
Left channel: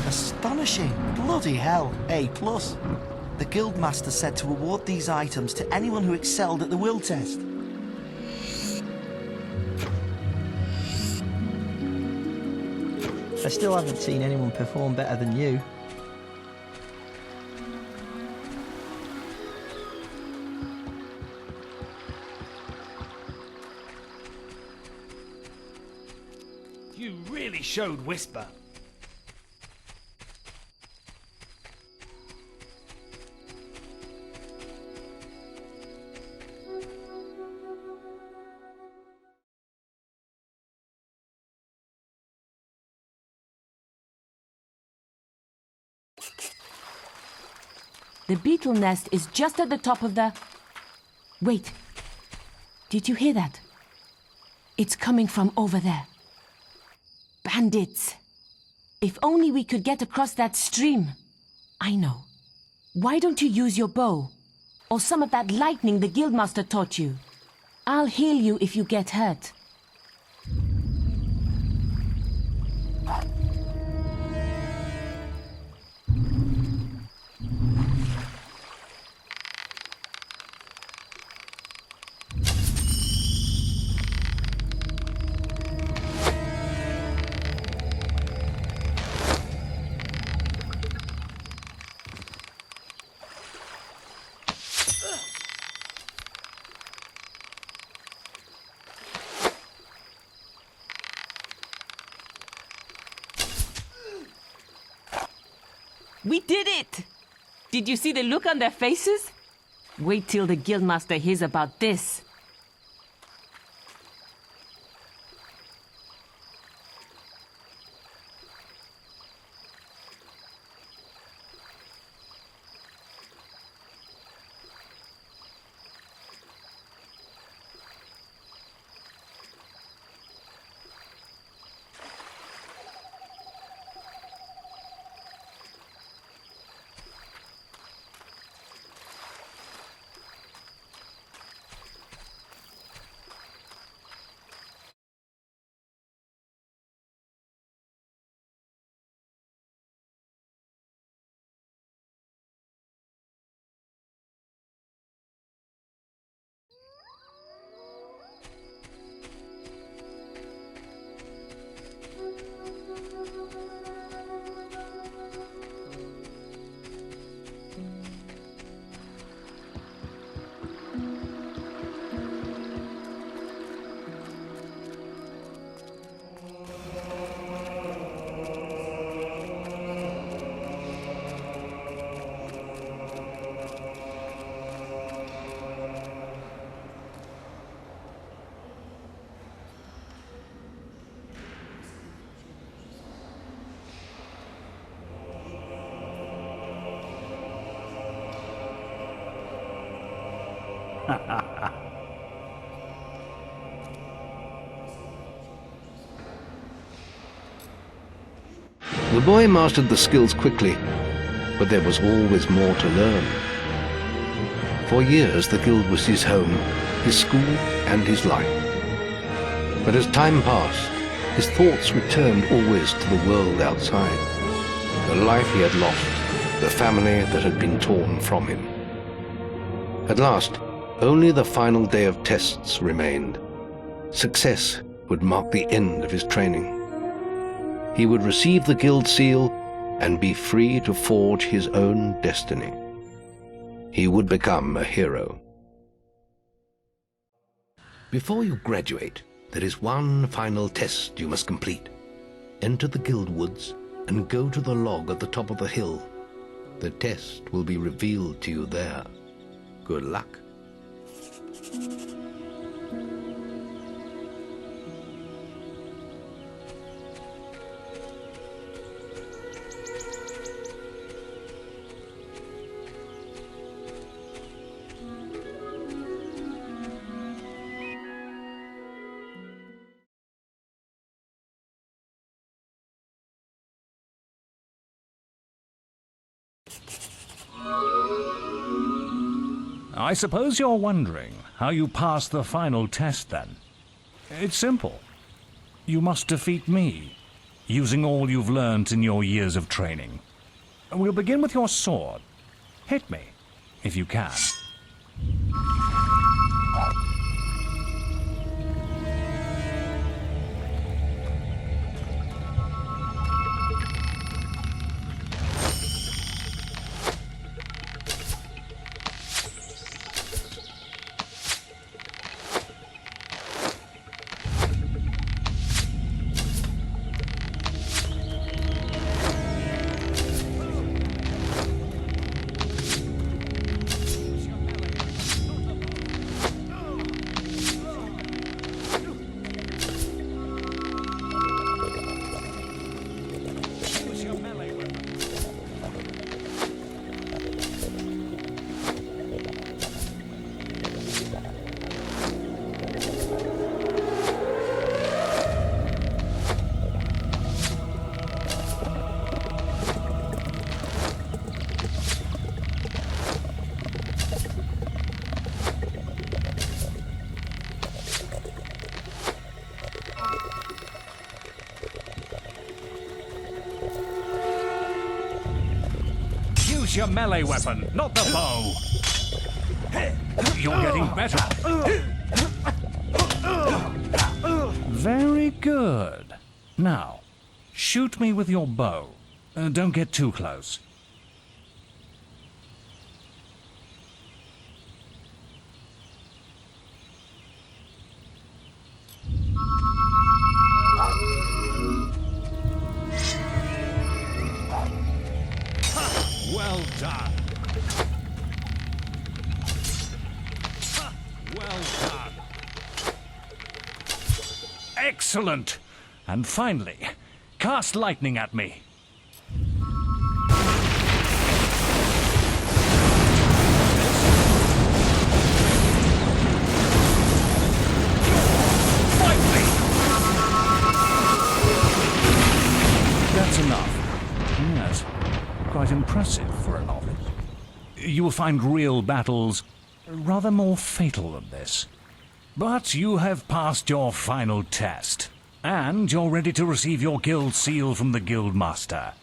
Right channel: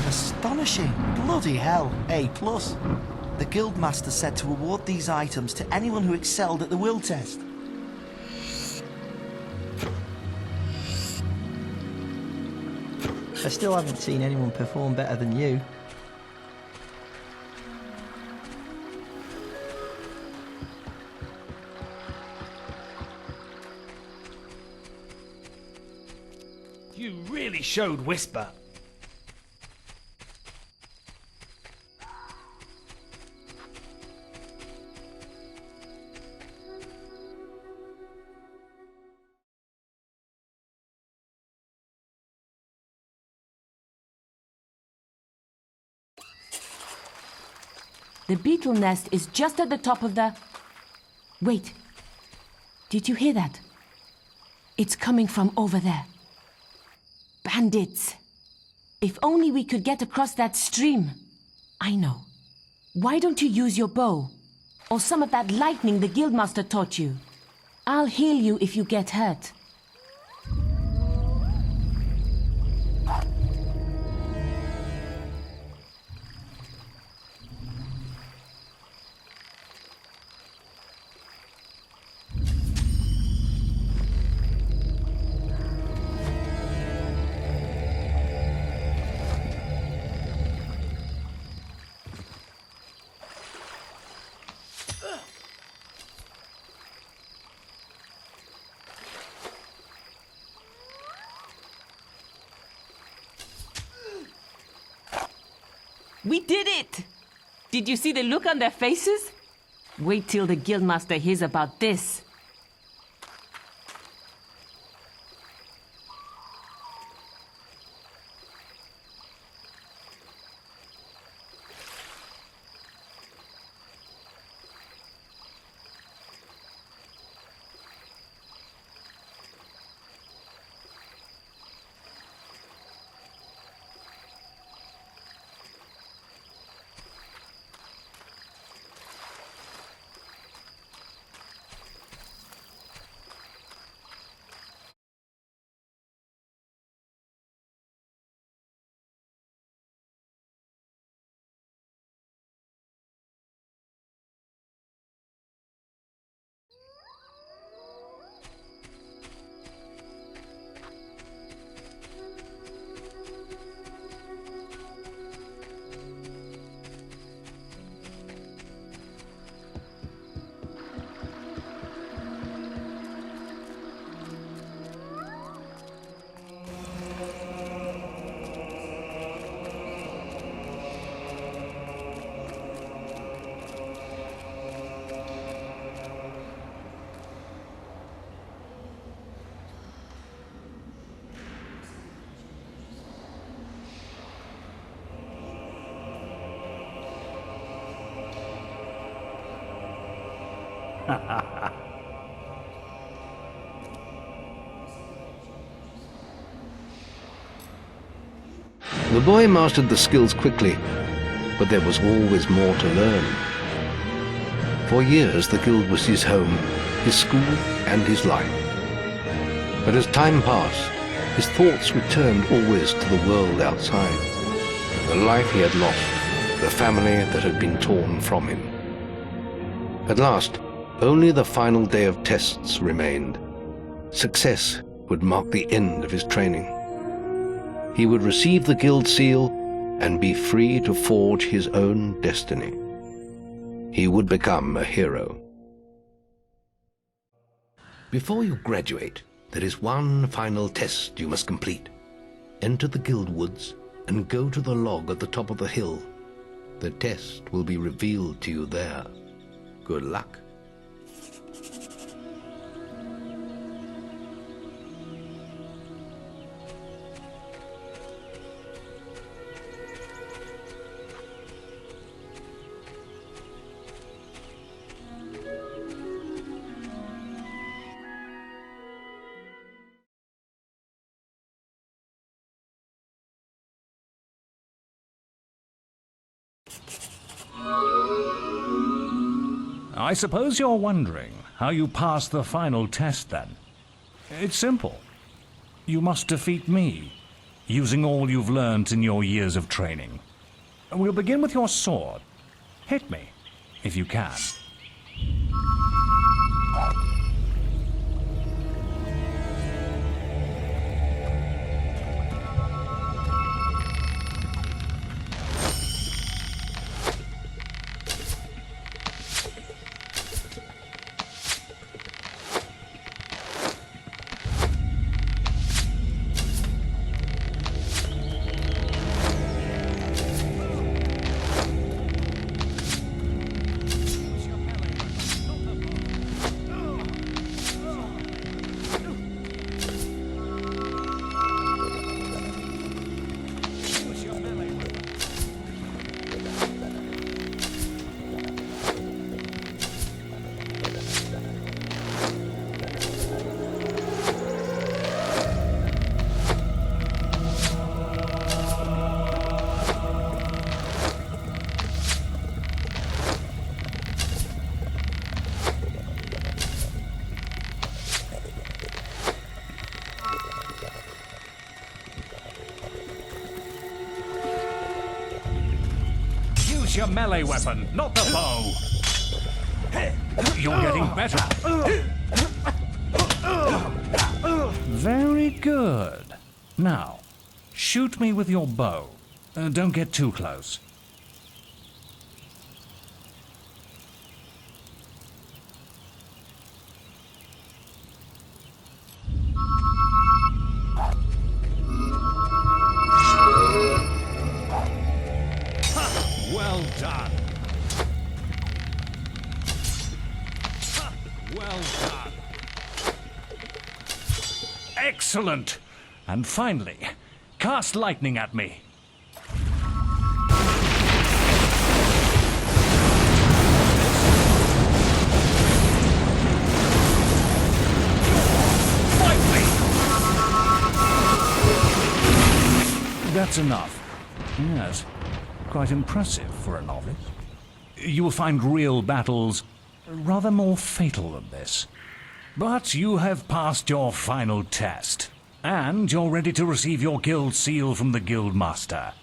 Astonishing. Bloody hell, A+. The Guildmaster said to award these items to anyone who excelled at the will test. I still haven't seen anyone perform better than you. You really showed Whisper. The beetle nest is just at the top of the... Wait. Did you hear that? It's coming from over there. Bandits. If only we could get across that stream. I know. Why don't you use your bow? Or some of that lightning the guildmaster taught you? I'll heal you if you get hurt. We did it! Did you see the look on their faces? Wait till the guildmaster hears about this. The boy mastered the skills quickly, but there was always more to learn. For years the guild was his home, his school, and his life. But as time passed, his thoughts returned always to the world outside, the life he had lost, the family that had been torn from him. At last, only the final day of tests remained. Success would mark the end of his training. He would receive the guild seal and be free to forge his own destiny. He would become a hero. Before you graduate, there is one final test you must complete. Enter the guild woods and go to the log at the top of the hill. The test will be revealed to you there. Good luck. I suppose you're wondering how you pass the final test, then. It's simple. You must defeat me, using all you've learnt in your years of training. We'll begin with your sword. Hit me, if you can. Use your melee weapon, not the bow. You're getting better. Very good. Now, shoot me with your bow. Don't get too close. Well done. Well done. Excellent. And finally, cast lightning at me. Fight me! That's enough. Yes. Quite impressive for a novice. You will find real battles rather more fatal than this. But you have passed your final test, and you're ready to receive your guild seal from the guild master.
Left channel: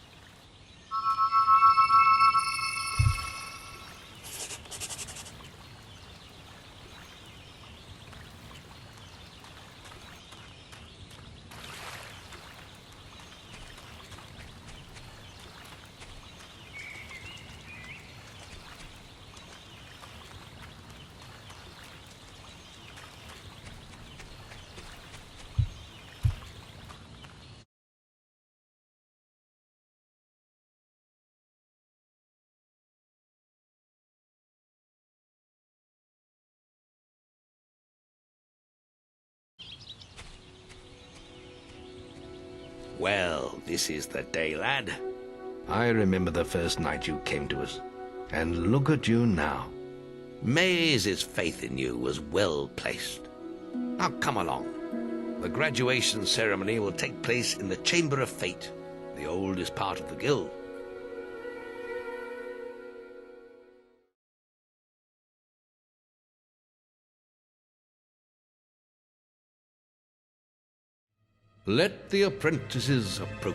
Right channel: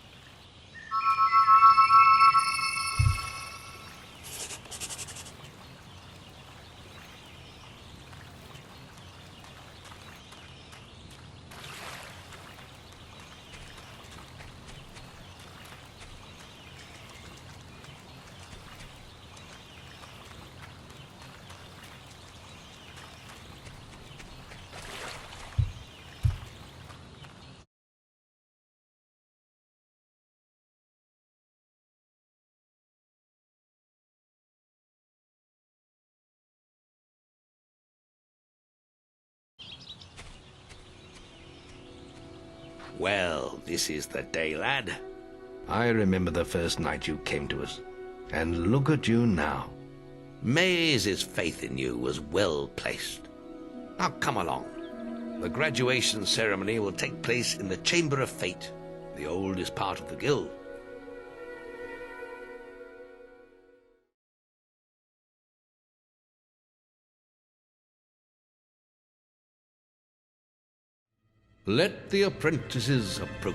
Well, this is the day, lad. I remember the first night you came to us. And look at you now. Maze's faith in you was well placed. Now come along. The graduation ceremony will take place in the Chamber of Fate, the oldest part of the guild. Let the apprentices approach.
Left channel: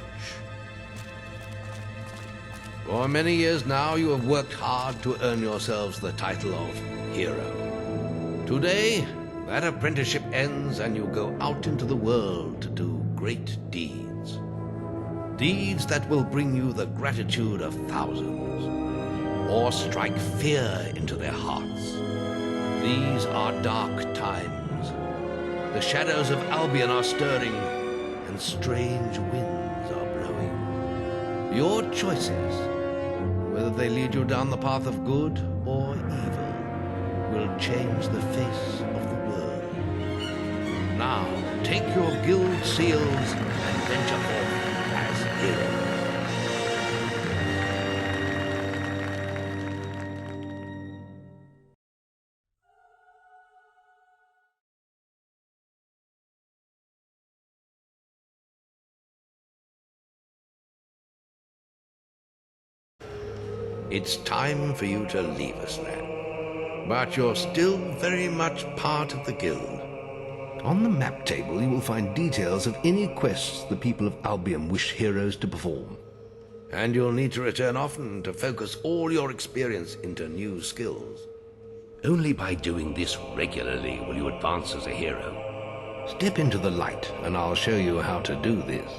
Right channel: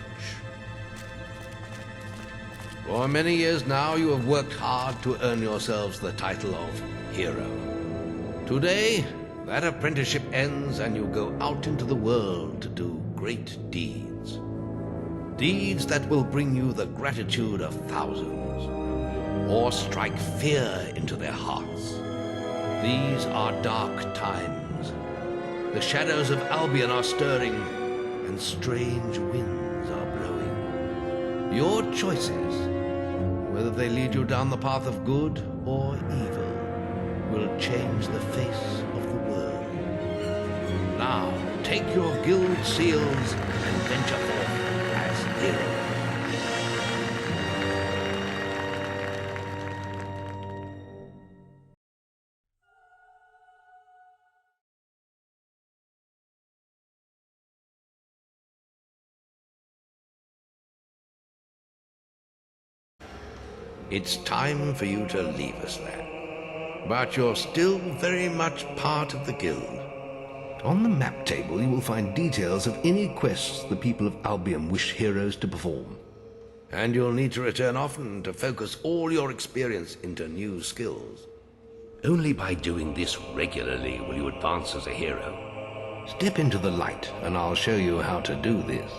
For many years now you have worked hard to earn yourselves the title of hero. Today, that apprenticeship ends and you go out into the world to do great deeds. Deeds that will bring you the gratitude of thousands, or strike fear into their hearts. These are dark times. The shadows of Albion are stirring, and strange winds are blowing. Your choices, whether they lead you down the path of good or evil, will change the face of the world. Now, take your guild seals and venture forth as heroes. It's time for you to leave us, lad. But you're still very much part of the guild. On the map table you will find details of any quests the people of Albion wish heroes to perform. And you'll need to return often to focus all your experience into new skills. Only by doing this regularly will you advance as a hero. Step into the light and I'll show you how to do this.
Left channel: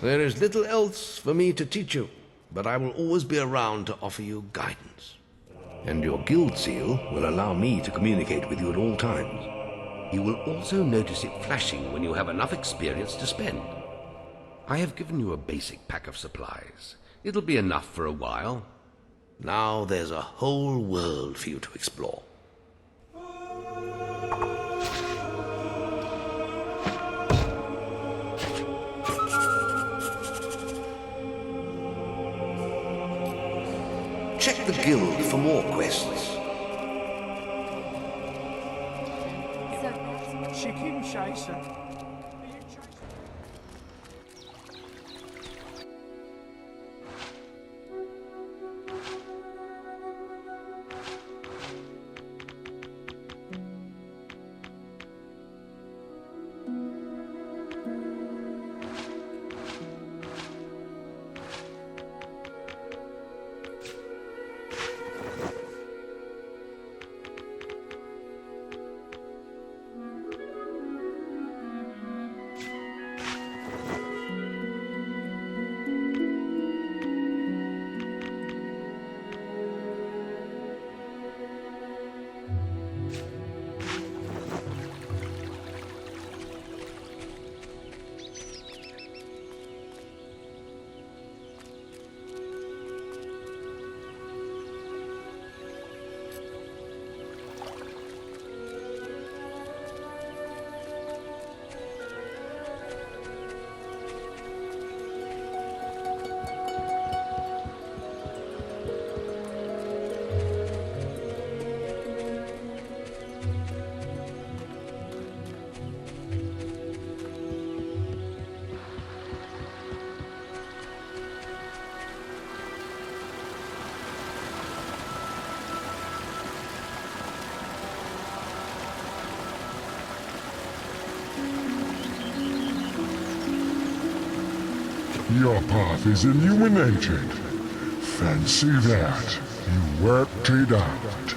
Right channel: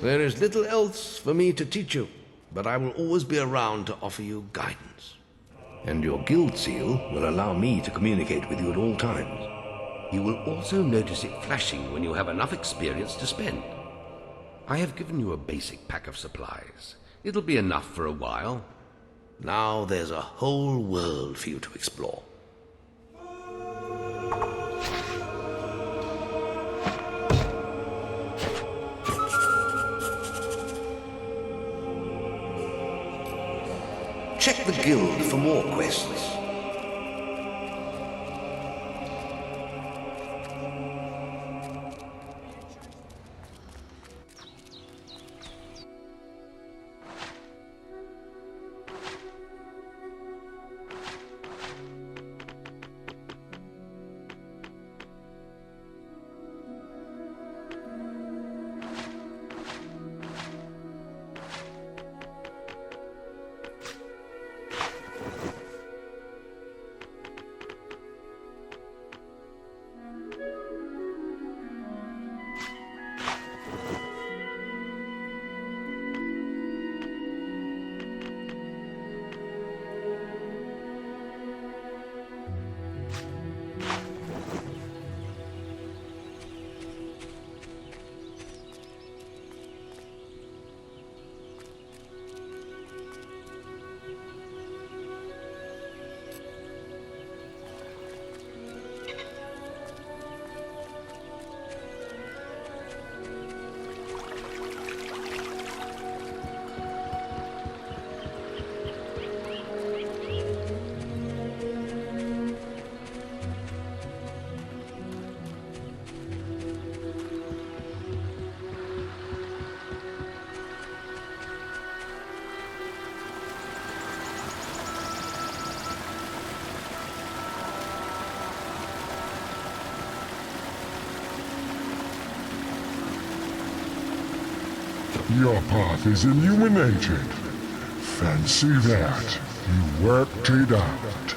There is little else for me to teach you. but I will always be around to offer you guidance. And your guild seal will allow me to communicate with you at all times. You will also notice it flashing when you have enough experience to spend. I have given you a basic pack of supplies. It'll be enough for a while. Now there's a whole world for you to explore. Check the guild for more quests. Chicken chaser. Your path is illuminated. Fancy that. You worked it out.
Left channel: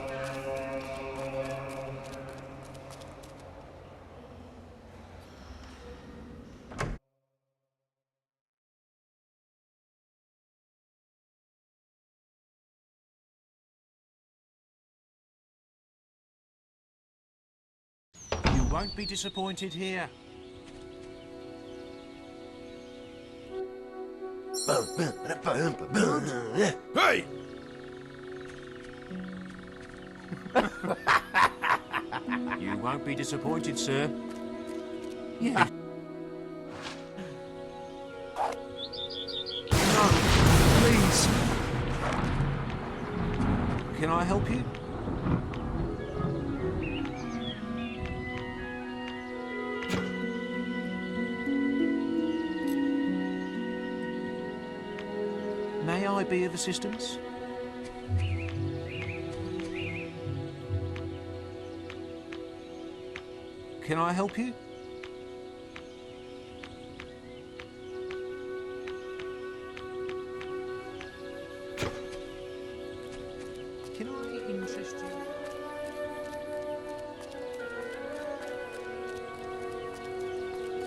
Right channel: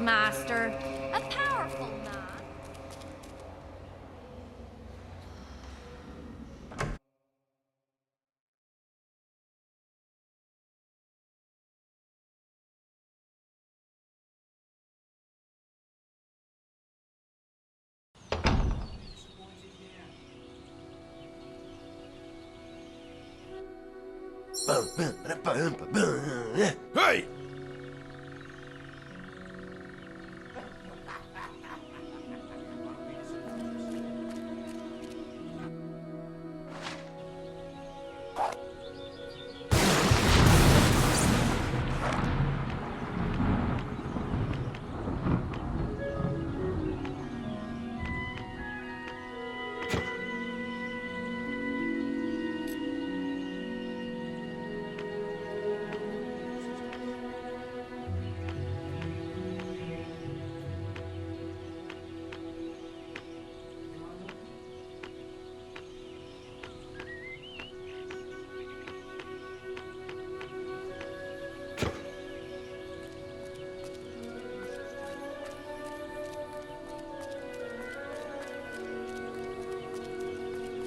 Master, a powerful man. You won't be disappointed here. Hey! You won't be disappointed, sir. Yeah. Can I help you? be of assistance? Can I help you? Can I interest you?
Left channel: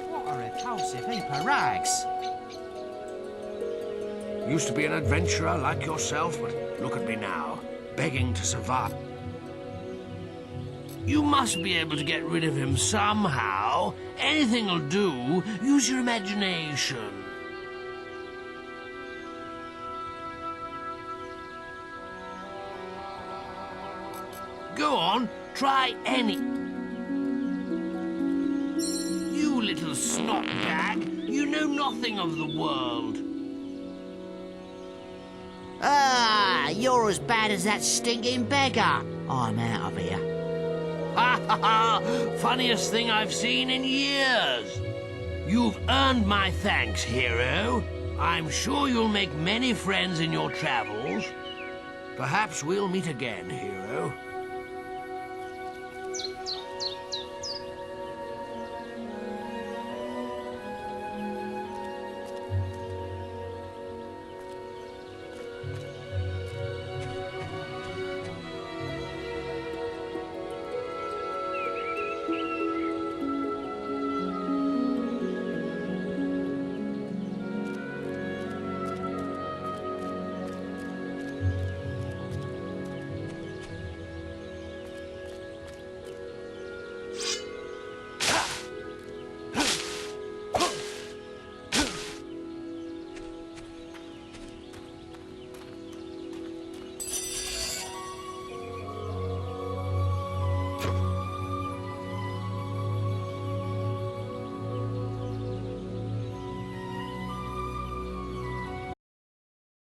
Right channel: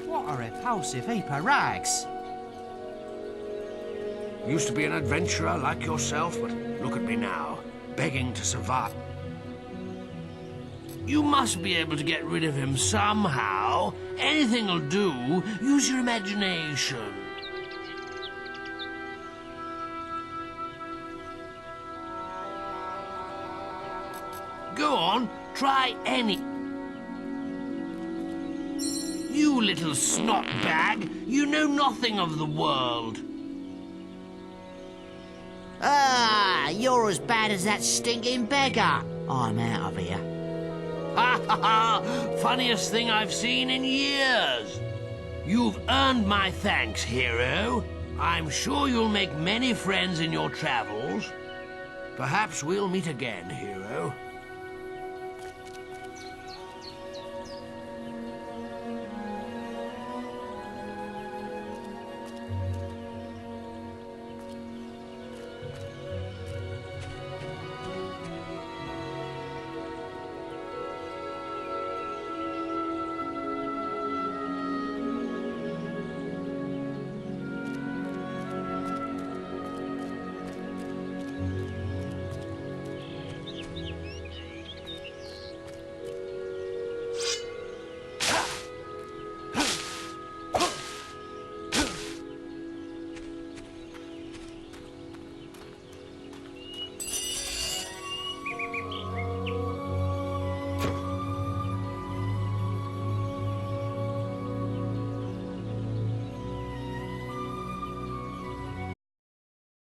What a repulsive heap of rags. Used to be an adventurer like yourself, but look at me now, begging to survive. You must be able to get rid of him somehow. Anything'll do. Use your imagination. Go on, try any... You little snot bag, you know nothing of the world. Ah, you're as bad as that stinking beggar. I'm out of here. Ha ha ha! Funniest thing I've seen in years. You've earned my thanks, hero. I'm sure you'll make many friends in your travels. Perhaps we'll meet again, hero.